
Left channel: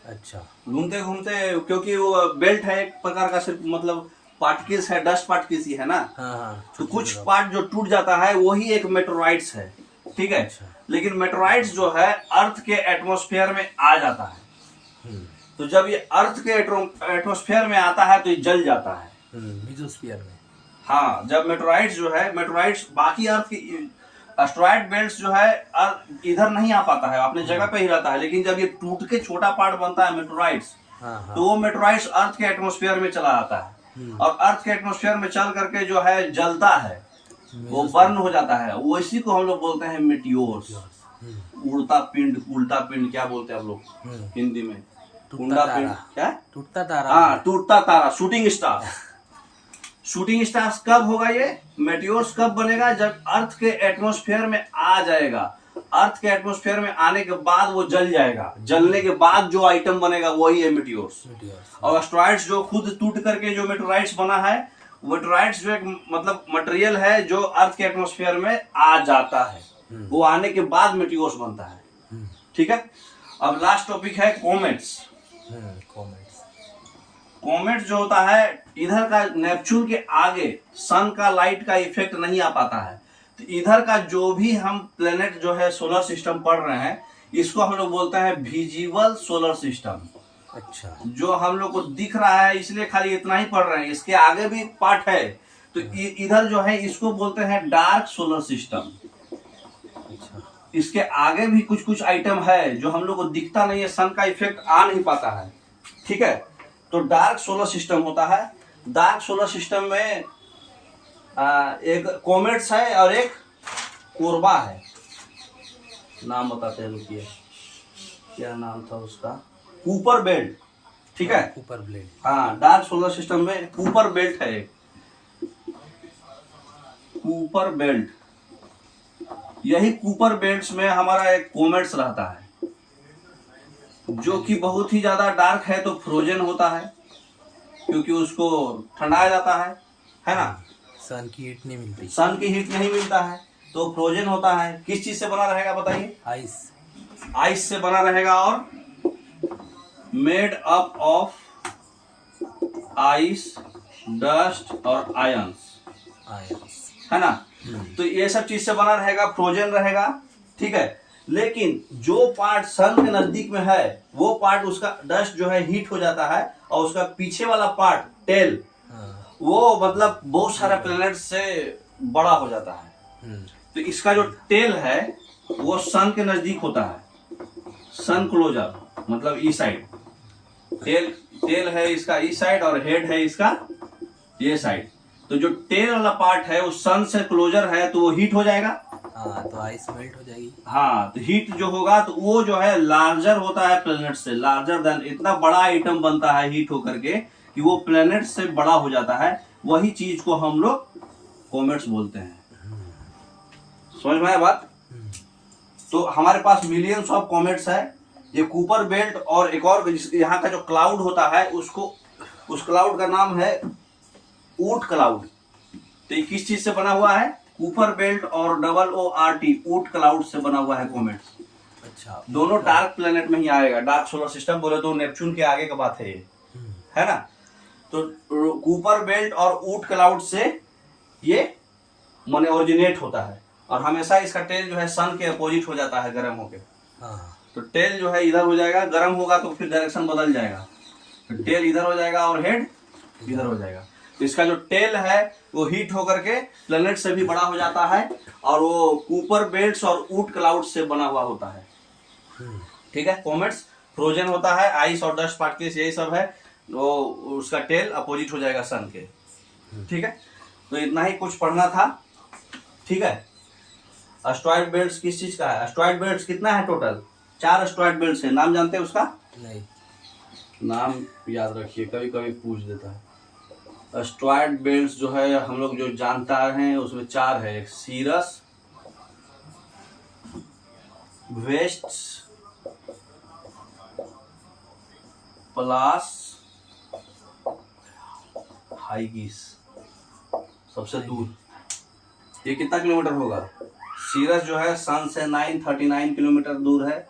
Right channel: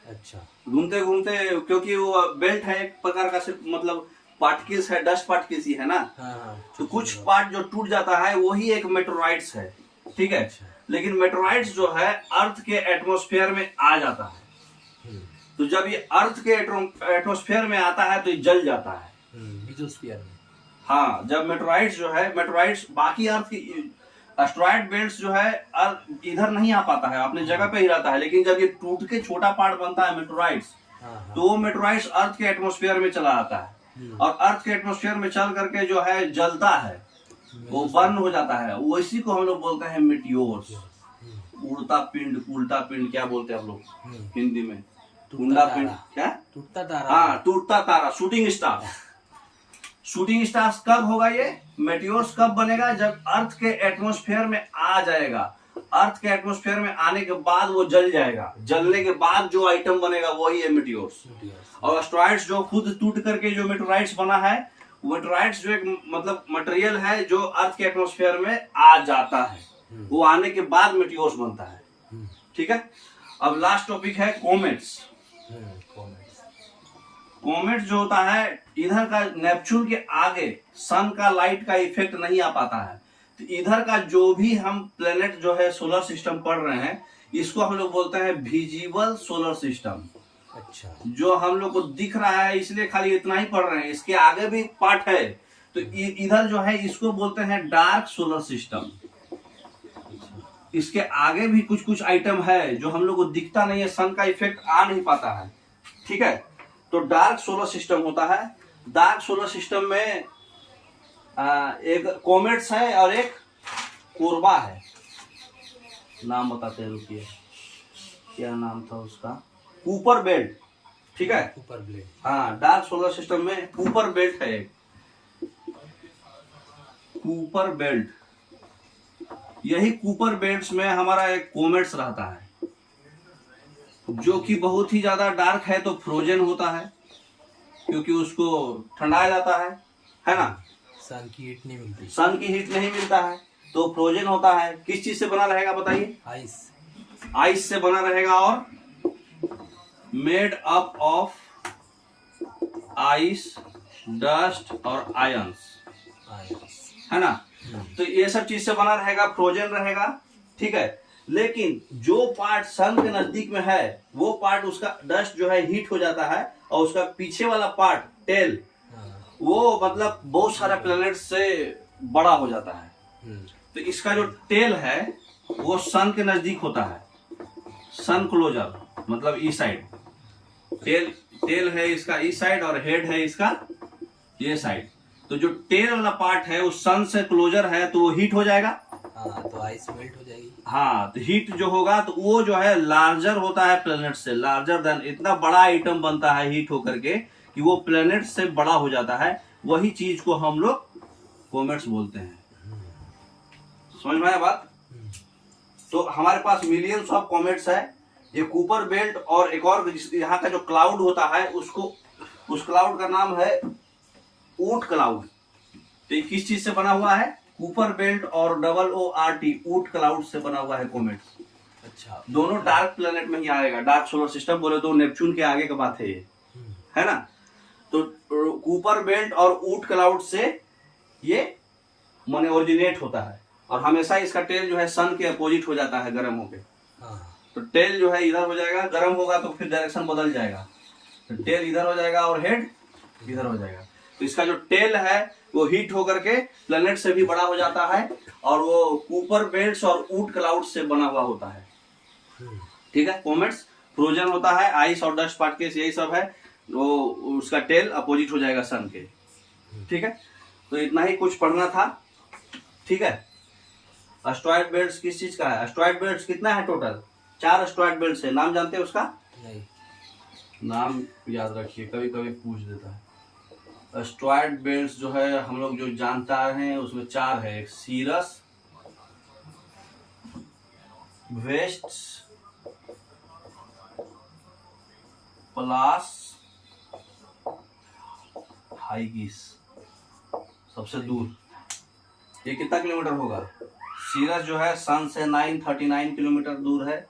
अच्छा। घूमते घूमते, क्योंकि वो बेल्ट है एक प्रकार का, सिर्फ मतलब पार्टिकल्स है, डस्ट पार्टिकल्स ही है ना। हाँ, तो कुछ पार्ट जो टूट जाता है वही एक मेटेरोइड्स है, ठीक है। अच्छा। लेकिन मेटेरोइड्स जो है अर्थ के एटमॉस्फेयर में आ जाता है। तो जब ये अर्थ के एटमॉस्फेयर में आता है तो ये जल जाता है, मेसोस्फीयर में। हाँ, जब मेटेरोइड्स जो है, मेटेरोइड्स बाकी अर्थ की एस्टेरॉयड बेल्ट्स जो है इधर नहीं आ पाता है, अपने जगह पे ही रहता है। लेकिन जब ये टूट के छोटा पार्ट बनता है मेटेरोइड्स, तो वो मेटेरोइड्स अर्थ के एटमॉस्फेयर में चला जाता है, और अर्थ के एटमॉस्फेयर में चल करके जो है जलता है, वो बर्न हो जाता है। वो इसी को हम लोग बोलते हैं मेटियोर्स, उड़ता पिंड, उल्टा पिंड क्या बोलते हैं हम लोग हिंदी में, उल्टा पिंड क्या, टूटता तारा। हाँ, टूटता तारा, शूटिंग स्टार। शूटिंग स्टार्स कब होगा ये मेटियोर्स, कब बनेगा, जब अर्थ के एटमॉस्फेयर में आ जाएगा। अर्थ के एटमॉस्फेयर में आने के बाद वो जल जाएगा, जलने के बाद जो आइटम बनेगा वही है मेटियोर्स। और एस्टेरॉइड्स जो खुद टूट करके जो मेटेरोइड्स बना है, मेटेरोइड्स जो एक मतलब मटेरियल है जो अर्थ के एटमॉस्फेयर में आ जाता है, वो आने के बाद मेटियोर्स बनता है, ठीक है। अब लास्ट टॉपिक है कॉमेट्स। कॉमेट जो होता है, इधर का नेपच्यून के आगे सन का लाइट का इफेक्ट नहीं आ पाता है, तो इधर का जो भी हम प्लेनेट जो है सोलर सिस्टम पढ़ रहे हैं, इसको हम लोग बोलते हैं विजिबल सोलर सिस्टम। अच्छा। जो हम लोग को दिख रहा है इसलिए खाली इतना ही पढ़ रहे हैं, इसके आगे भी पार्ट है, तो इधर जो है इसको बोलते हैं डार्क सोलर सिस्टम। इसके आगे भी कुछ कुछ आइटम है जो हम लोग को दिखता नहीं है, सन का इफेक्ट आ नहीं पाता है, ठीक है। तो डार्क सोलर सिस्टम होता है। डार्क सोलर सिस्टम में एक कॉमेट्स है और एक कोरबा है। नाम बताते हैं, रुकिए, क्या नाम था उसका, कूपर बेल्ट, ठीक है, कूपर बेल्ट। हाँ, डार्क सोलर सिस्टम में कूपर बेल्ट है एक, कूपर बेल्ट। यही कूपर बेल्ट्स में हमारा एक कॉमेट्स रहता है, जो कि बहुत ही ज्यादा डार्क है, तो फ्रोजन होता है, क्योंकि उसको ठंडाया जाता है ना। सन की हीट नहीं मिलती, सन की हीट नहीं मिलता है, तो फ्रोजन होता है। किस चीज से बना रहेगा बताइए? आइस। आइस से बना रहेगा, और made up of ice, dust और आयंस, है ना। तो ये सब चीज से बना रहेगा, फ्रोजन रहेगा, ठीक है। लेकिन जो पार्ट सन के नजदीक में है, वो पार्ट उसका डस्ट जो है हीट हो जाता है, और उसका पीछे वाला पार्ट टेल, वो मतलब बहुत सारे प्लैनेट से बड़ा हो जाता है। तो इसका जो टेल है वो सन के नजदीक होता है, सन क्लोजर, मतलब ई साइड। टेल है इसका ई साइड, और हेड है इसका ये साइड। तो जो टेल वाला पार्ट है वो सन से क्लोजर है, तो वो हीट हो जाएगा, तो आइस मेल्ट हो जाएगी। हाँ, तो हीट जो होगा तो वो जो है लार्जर होता है प्लैनेट से, लार्जर देन, इतना बड़ा आइटम बनता है हीट होकर के कि वो प्लैनेट से बड़ा हो जाता है। वही चीज को हम लोग कॉमेट्स बोलते हैं। समझ में आया बात? तो हमारे पास मिलियंस ऑफ कॉमेट्स है। ये कूपर बेल्ट, और एक और यहाँ का जो क्लाउड होता है, उसको, उस क्लाउड का नाम है ऊट क्लाउड। तो ये किस चीज से बना हुआ है? कूपर बेल्ट और OORT, ऊट क्लाउड से बना हुआ है कॉमेट्स। अच्छा। दोनों डार्क प्लेनेट में ही आएगा। डार्क सोलर सिस्टम बोले तो नेपच्यून के आगे का बात है ये, है ना। तो कूपर बेल्ट और ऊट क्लाउड से ये माने ओरिजिनेट होता है, और हमेशा इसका टेल जो है सन के अपोजिट हो जाता है गर्म होके। तो टेल जो है इधर हो जाएगा, गर्म होगा तो फिर डायरेक्शन बदल जाएगा, तो टेल इधर हो जाएगा और हेड इधर हो जाएगा। तो इसका जो टेल है वो हीट होकर के प्लैनेट से भी बड़ा हो जाता है, और वो कूपर बेल्ट्स और ऊट क्लाउड से बना हुआ होता है, ठीक है। कॉमेट्स फ्रोजन होता है, आइस और डस्ट पार्टिकल्स यही सब है, वो उसका टेल अपोजिट हो जाएगा सन के, ठीक है। तो इतना ही कुछ पढ़ना था, ठीक है। एस्टेरॉयड बेल्ट्स किस चीज का है? एस्टेरॉयड बेल्ट्स कितना है टोटल? 4 एस्टेरॉयड बेल्ट्स है। नाम जानते हैं उसका? नहीं। नाम याद रखिए, कभी कभी पूछ देता है। एस्टेरॉयड बेल्ट्स जो है हम लोग जो जानता हैं उसमें 4 है। एक सीरस, वेस्ट्स, प्लास, हाइगिस। सबसे दूर ये कितना किलोमीटर होगा? सीरस जो है सन से 939 किलोमीटर दूर है,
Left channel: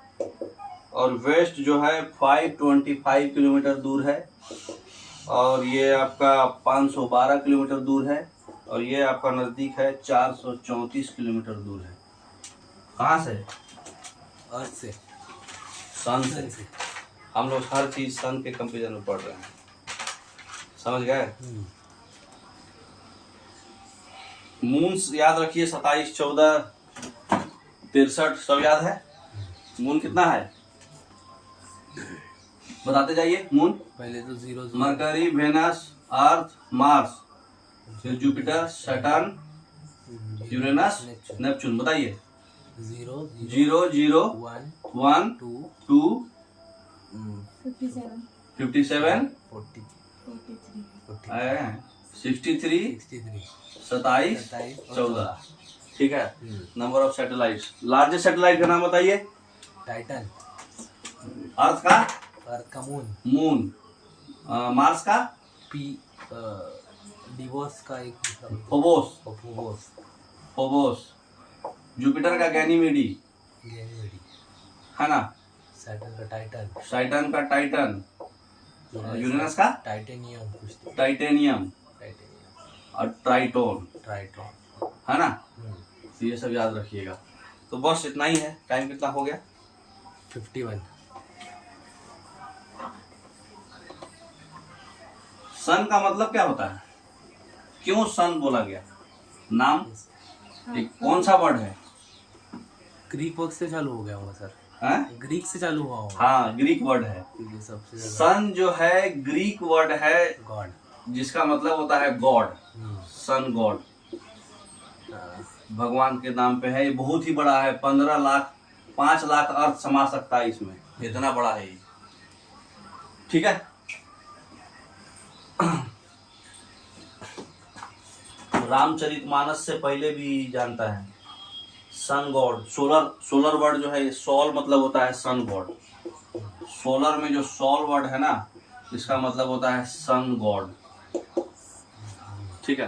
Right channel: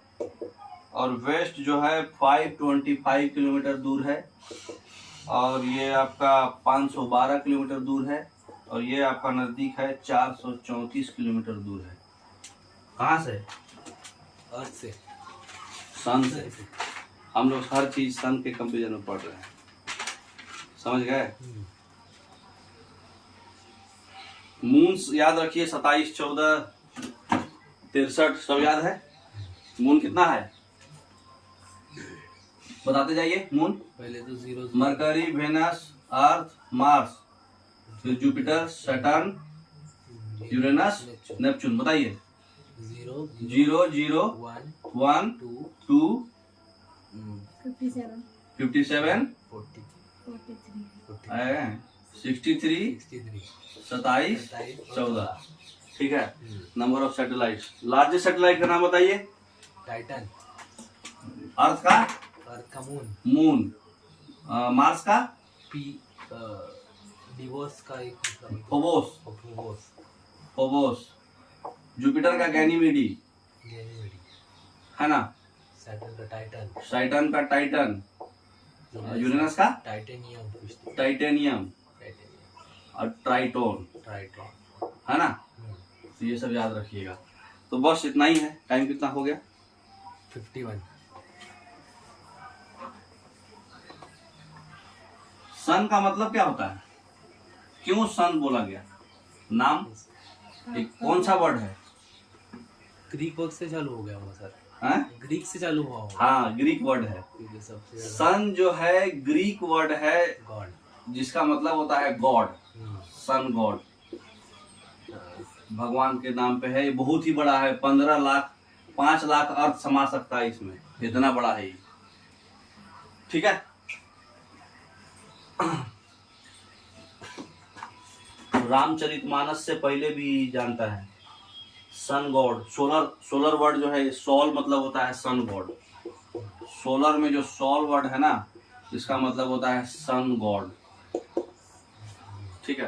और वेस्ट जो है 525 किलोमीटर दूर है, और ये आपका 512 किलोमीटर दूर है, और ये आपका नजदीक है 434 किलोमीटर दूर है। कहाँ से? अर्थ से, सन से। हम लोग हर चीज सन के कंपेरिजन में पढ़ रहे हैं, समझ गए? मून्स याद रखिए, 27, 14, 63 सब याद है। मून कितना है बताते जाइए। मून पहले तो 0 मरकरी, वेनस, अर्थ, मार्स, फिर जुपिटर, सैटर्न, यूरेनस, नेपच्यून। बताइए। 0 0 0 1 2 57 40 63 27 14। ठीक है। Number of satellites. Largest satellite का नाम बताइए। टाइटन। अर्थ का? अर्थ का मून। मून। मार्स का? डिवोर्स का एक फोबोस। फोबोस। फोबोस। जुपिटर का गैनीमेडी, है ना? सैटर्न का टाइटन। सैटर्न का टाइटन। यूरेनस का? टाइटेनियम। टाइटेनियम। और ट्राइटोन, ट्राइटॉन, है ना? तो ये सब याद रखिएगा। तो बस इतना ही है। टाइम कितना हो गया? 51। सन का मतलब क्या होता है? क्यों सन बोला गया? नाम एक कौन सा वर्ड है? ग्रीक वर्ड से चालू हो गया होगा सर। हैं? ग्रीक से चालू हुआ होगा। हाँ, ग्रीक वर्ड है। क्योंकि सबसे सन जो है ग्रीक वर्ड है, गॉड, जिसका मतलब होता है गॉड। सन गॉड, भगवान के नाम पे है। ये बहुत ही बड़ा है, 15 लाख 5 लाख अर्थ समा सकता है इसमें, इतना बड़ा है ये। ठीक है। रामचरितमानस से पहले भी जानता है सन गॉड। सोलर वर्ड जो है, सोल मतलब होता है सन गॉड। सोलर में जो सोल वर्ड है ना, इसका मतलब होता है सन गॉड। ठीक है।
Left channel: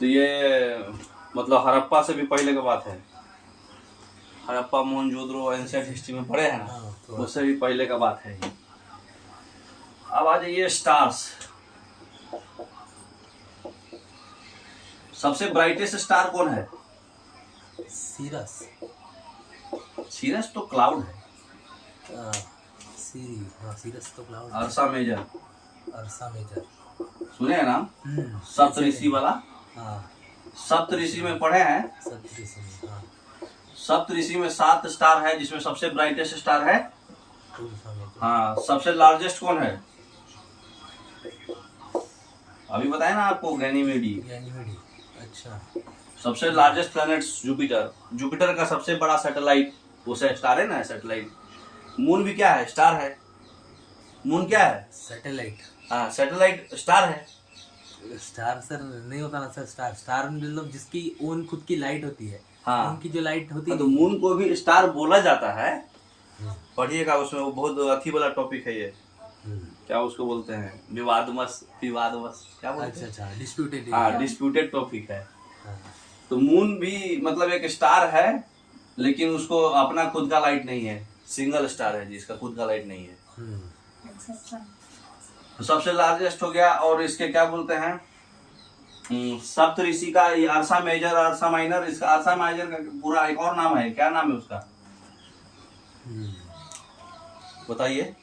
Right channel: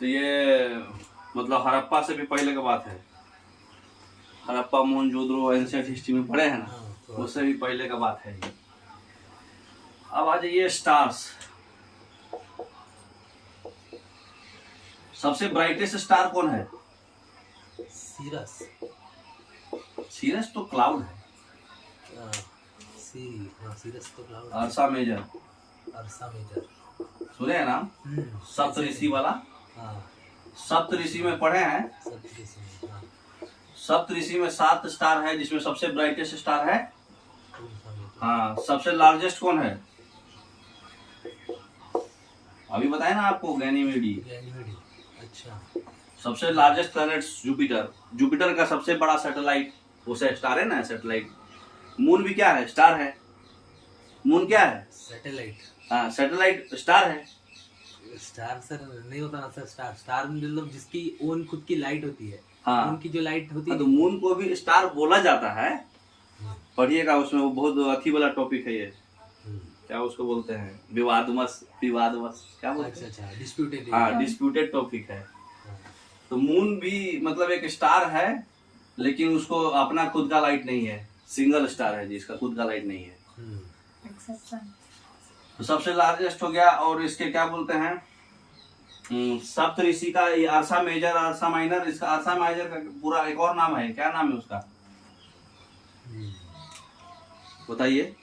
तो ये मतलब हड़प्पा से भी पहले की बात है। हड़प्पा, मोहनजोदड़ो एंशिएंट हिस्ट्री में पढ़े हैं ना, उससे भी पहले का बात है ये। अब आ जाइए स्टार्स। सबसे ब्राइटेस्ट स्टार कौन है? सीरस। सीरस तो क्लाउड है। सीरस तो क्लाउड। अर्सा मेजर। अर्सा मेजर सुने हैं नाम? सप्तऋषि वाला। सप्तऋषि में पढ़े हैं। सप्तऋषि में 7 स्टार है, जिसमें सबसे ब्राइटेस्ट स्टार है। हाँ। सबसे लार्जेस्ट कौन है? अभी बताया ना आपको, गैनीमेडी। अच्छा। सबसे लार्जेस्ट प्लैनेट जुपिटर। जुपिटर का सबसे बड़ा सैटेलाइट, उसे स्टार है ना, सैटेलाइट। मून भी क्या है? स्टार है। मून क्या है? सैटेलाइट। हाँ, सैटेलाइट स्टार है। स्टार सर नहीं होता ना सर। स्टार मतलब जिसकी ओन खुद की लाइट होती है। हाँ, उनकी जो लाइट होती है। तो मून को भी स्टार बोला जाता है। पढ़िएगा उसमें, वो बहुत अथी वाला टॉपिक है ये। क्या उसको बोलते हैं? विवादवश क्या बोलते हैं? अच्छा, डिस्प्यूटेड। हाँ, डिस्प्यूटेड टॉपिक है। तो मून भी मतलब एक स्टार है, लेकिन उसको अपना खुद का लाइट नहीं है। सिंगल स्टार है जिसका खुद का लाइट नहीं है। तो सबसे लार्जेस्ट हो गया। और इसके क्या बोलते हैं? सप्तऋषि का ये अर्सा मेजर, अर्सा माइनर। इसका अर्सा माइनर का पूरा एक और नाम है, क्या नाम है उसका? बताइए।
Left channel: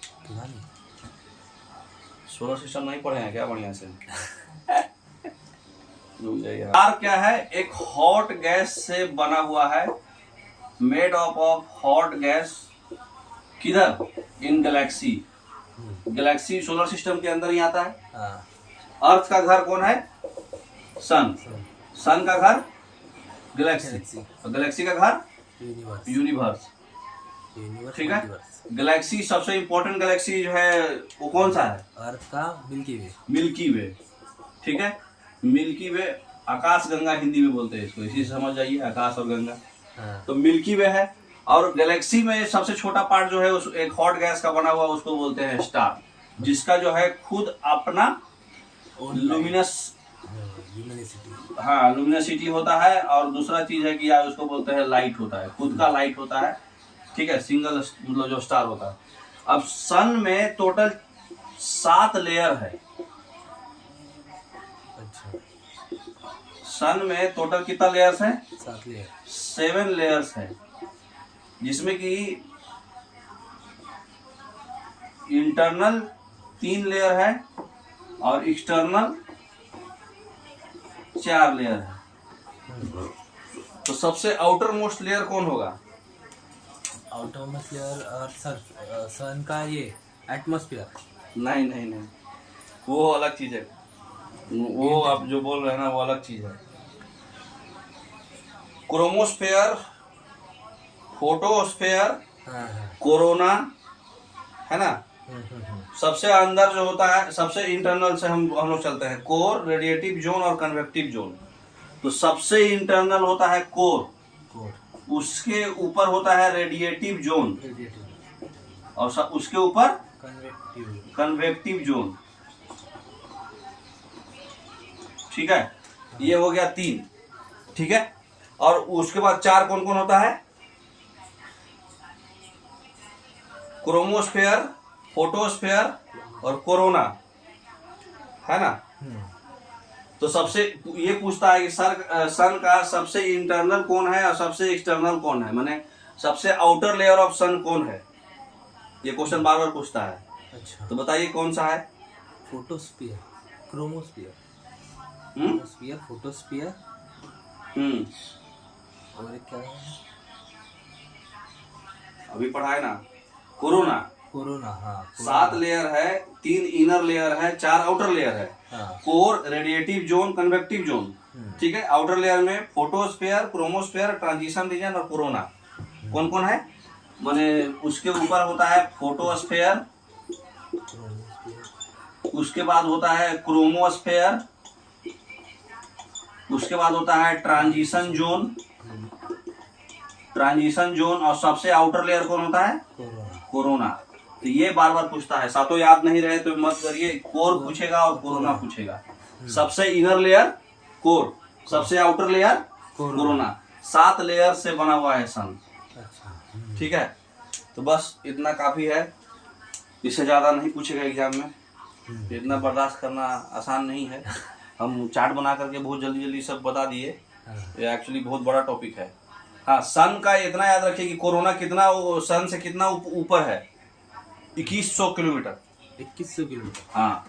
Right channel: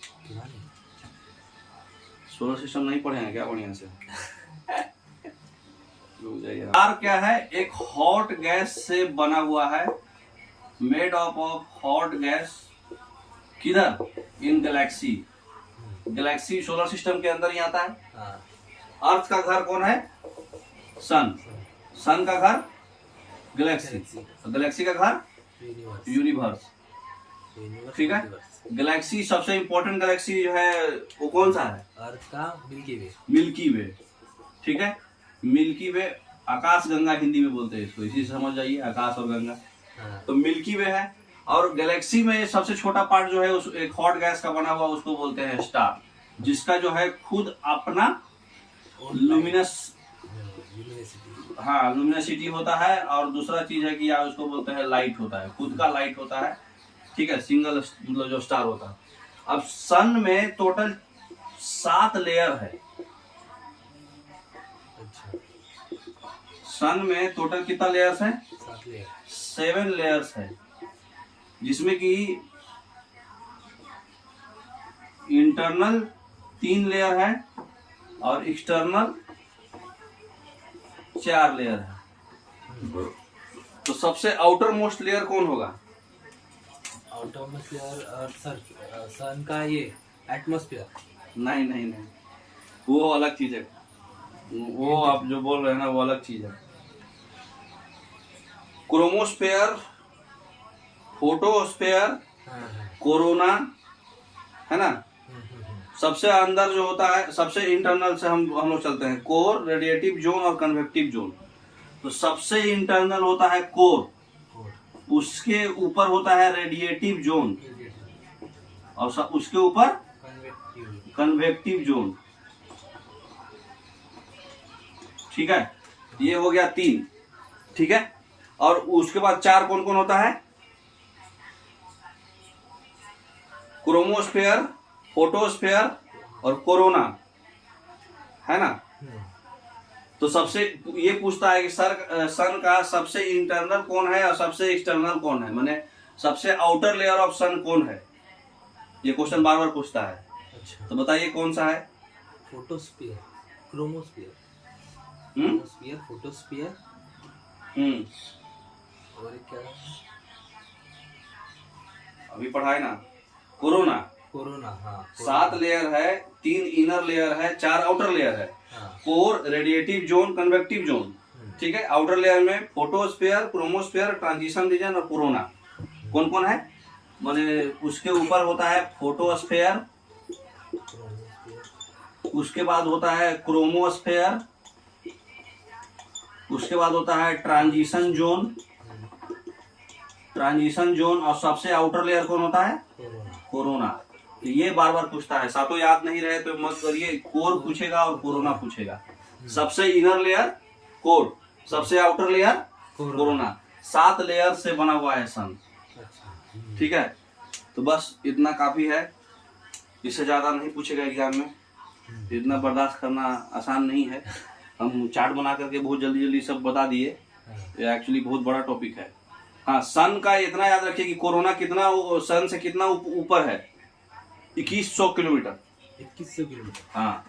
सोलर सिस्टम नहीं पढ़े हैं क्या बढ़िया से? स्टार क्या है? एक हॉट गैस से बना हुआ है, मेड ऑफ हॉट गैस। किधर? इन गैलेक्सी। गैलेक्सी सोलर सिस्टम के अंदर ही आता है। अर्थ का घर कौन है? सन। सन का घर गैलेक्सी, और गैलेक्सी का घर यूनिवर्स। ठीक है। गैलेक्सी, सबसे इंपॉर्टेंट गैलेक्सी जो है वो कौन सा है? अर्थ का मिल्की वे। मिल्की वे। ठीक है। मिल्की वे, आकाश गंगा हिंदी में बोलते हैं इसको, इसी से समझ जाइए, आकाश और गंगा। तो मिल्की वे है। और गैलेक्सी में सबसे छोटा पार्ट जो है उस एक हॉट गैस का बना हुआ, उसको बोलते हैं स्टार, जिसका जो है खुद अपना लुमिनोसिटी होता है। और दूसरा चीज है कि यार उसको बोलते हैं लाइट होता है, खुद का लाइट होता है। ठीक है। सिंगल मतलब जो स्टार होता है। अब सन में टोटल 7 लेयर है। अच्छा, सन में टोटल कितना लेयर्स है? 7 लेयर। 7 लेयर्स है, जिसमें कि इंटरनल 3 लेयर है और एक्सटर्नल 4 लेयर है। तो सबसे आउटर मोस्ट लेयर कौन होगा? आउटर मोस्ट लेयर और सन का ये एटमॉस्फेयर। नहीं नहीं नहीं, वो अलग चीज है। वो आप जो बोल रहे हैं ना, वो अलग चीज है। क्रोमोस्फेयर, फोटोस्फेयर, हाँ हाँ। कोरोना, है ना। हम्म। सबसे अंदर जो होता है, सबसे इंटरनल से हम लोग चलते हैं, कोर, रेडिएटिव जोन और कन्वेक्टिव जोन। तो सबसे इंटरनल होता है कोर, उसके ऊपर होता है रेडिएटिव जोन और उसके ऊपर कन्वेक्टिव जोन। ठीक है, ये हो गया 3। ठीक है, और उसके बाद 4 कौन कौन होता है? क्रोमोस्फेयर, फोटोस्फेयर और कोरोना, है ना। तो सबसे ये पूछता है कि सन का सबसे इंटरनल कौन है और सबसे एक्सटर्नल कौन है, माने सबसे आउटर लेयर ऑफ सन कौन है। ये क्वेश्चन बार बार पूछता है। अच्छा, तो बताइए कौन सा है? फोटोस्फीयर, क्रोमोस्फीयर, फोटोस्फीयर और एक क्या है? अभी पढ़ाए ना, कोरोना। कोरोना, हाँ। 7 लेयर है, 3 इनर लेयर है, 4 आउटर लेयर है। हाँ। Core, radiative zone, convective zone. ठीक है, आउटर लेयर में फोटोस्फेयर, क्रोमोस्फेयर, ट्रांजिशन रीजन और कोरोना। कौन कौन है? माने उसके ऊपर होता है फोटोस्फेयर, उसके बाद होता है क्रोमोस्फेयर, उसके बाद होता है ट्रांजिशन जोन, और सबसे आउटर लेयर कौन होता है? कोरोना। तो ये बार बार पूछता है, सातों याद नहीं रहे तो मत करिए, कोर पूछेगा और कोरोना पूछेगा। सबसे इनर लेयर कोर, सबसे आउटर लेयर कोरोना। 7 लेयर से बना हुआ है सन। ठीक है, तो बस इतना काफी है, इससे ज्यादा नहीं पूछेगा एग्जाम में। इतना बर्दाश्त करना आसान नहीं है। हम चार्ट बना करके बहुत जल्दी जल्दी सब बता दिए, ये एक्चुअली बहुत बड़ा टॉपिक है। हाँ, सन का इतना याद रखिए कि कोरोना कितना सन से कितना ऊपर है? 2100 किलोमीटर। 2100 किलोमीटर, हाँ,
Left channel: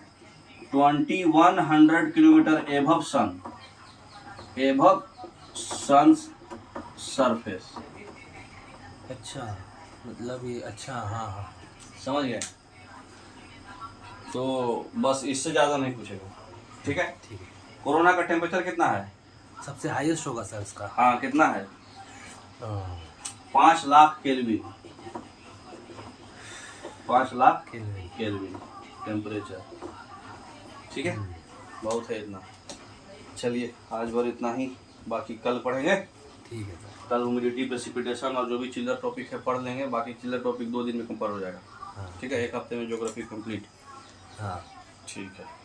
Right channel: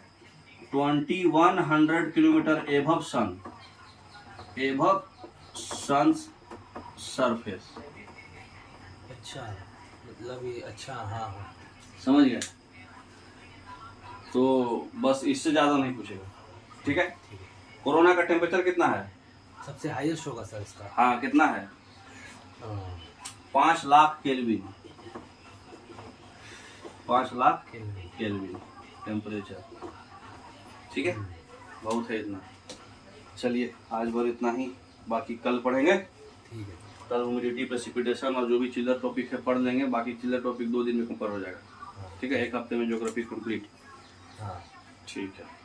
2100 किलोमीटर एभव सन, एभव सन सरफेस। अच्छा, मतलब ये, अच्छा, हाँ हाँ, समझ गए। तो बस इससे ज्यादा नहीं पूछेगा। ठीक है, ठीक है। कोरोना का टेम्परेचर कितना है? सबसे हाईएस्ट होगा सर इसका। हाँ, कितना है? 5 lakh kelvin. 5 lakh kelvin temperature. ठीक है, बहुत है इतना। चलिए आज भर इतना ही, बाकी कल पढ़ेंगे। ठीक है सर। कल ह्यूमिडिटी, प्रेसिपिटेशन और जो भी चिल्लर टॉपिक है पढ़ लेंगे। बाकी चिल्लर टॉपिक 2 दिन में कवर हो जाएगा। हाँ। ठीक है, 1 हफ्ते में ज्योग्राफी कंप्लीट। हाँ, ठीक है।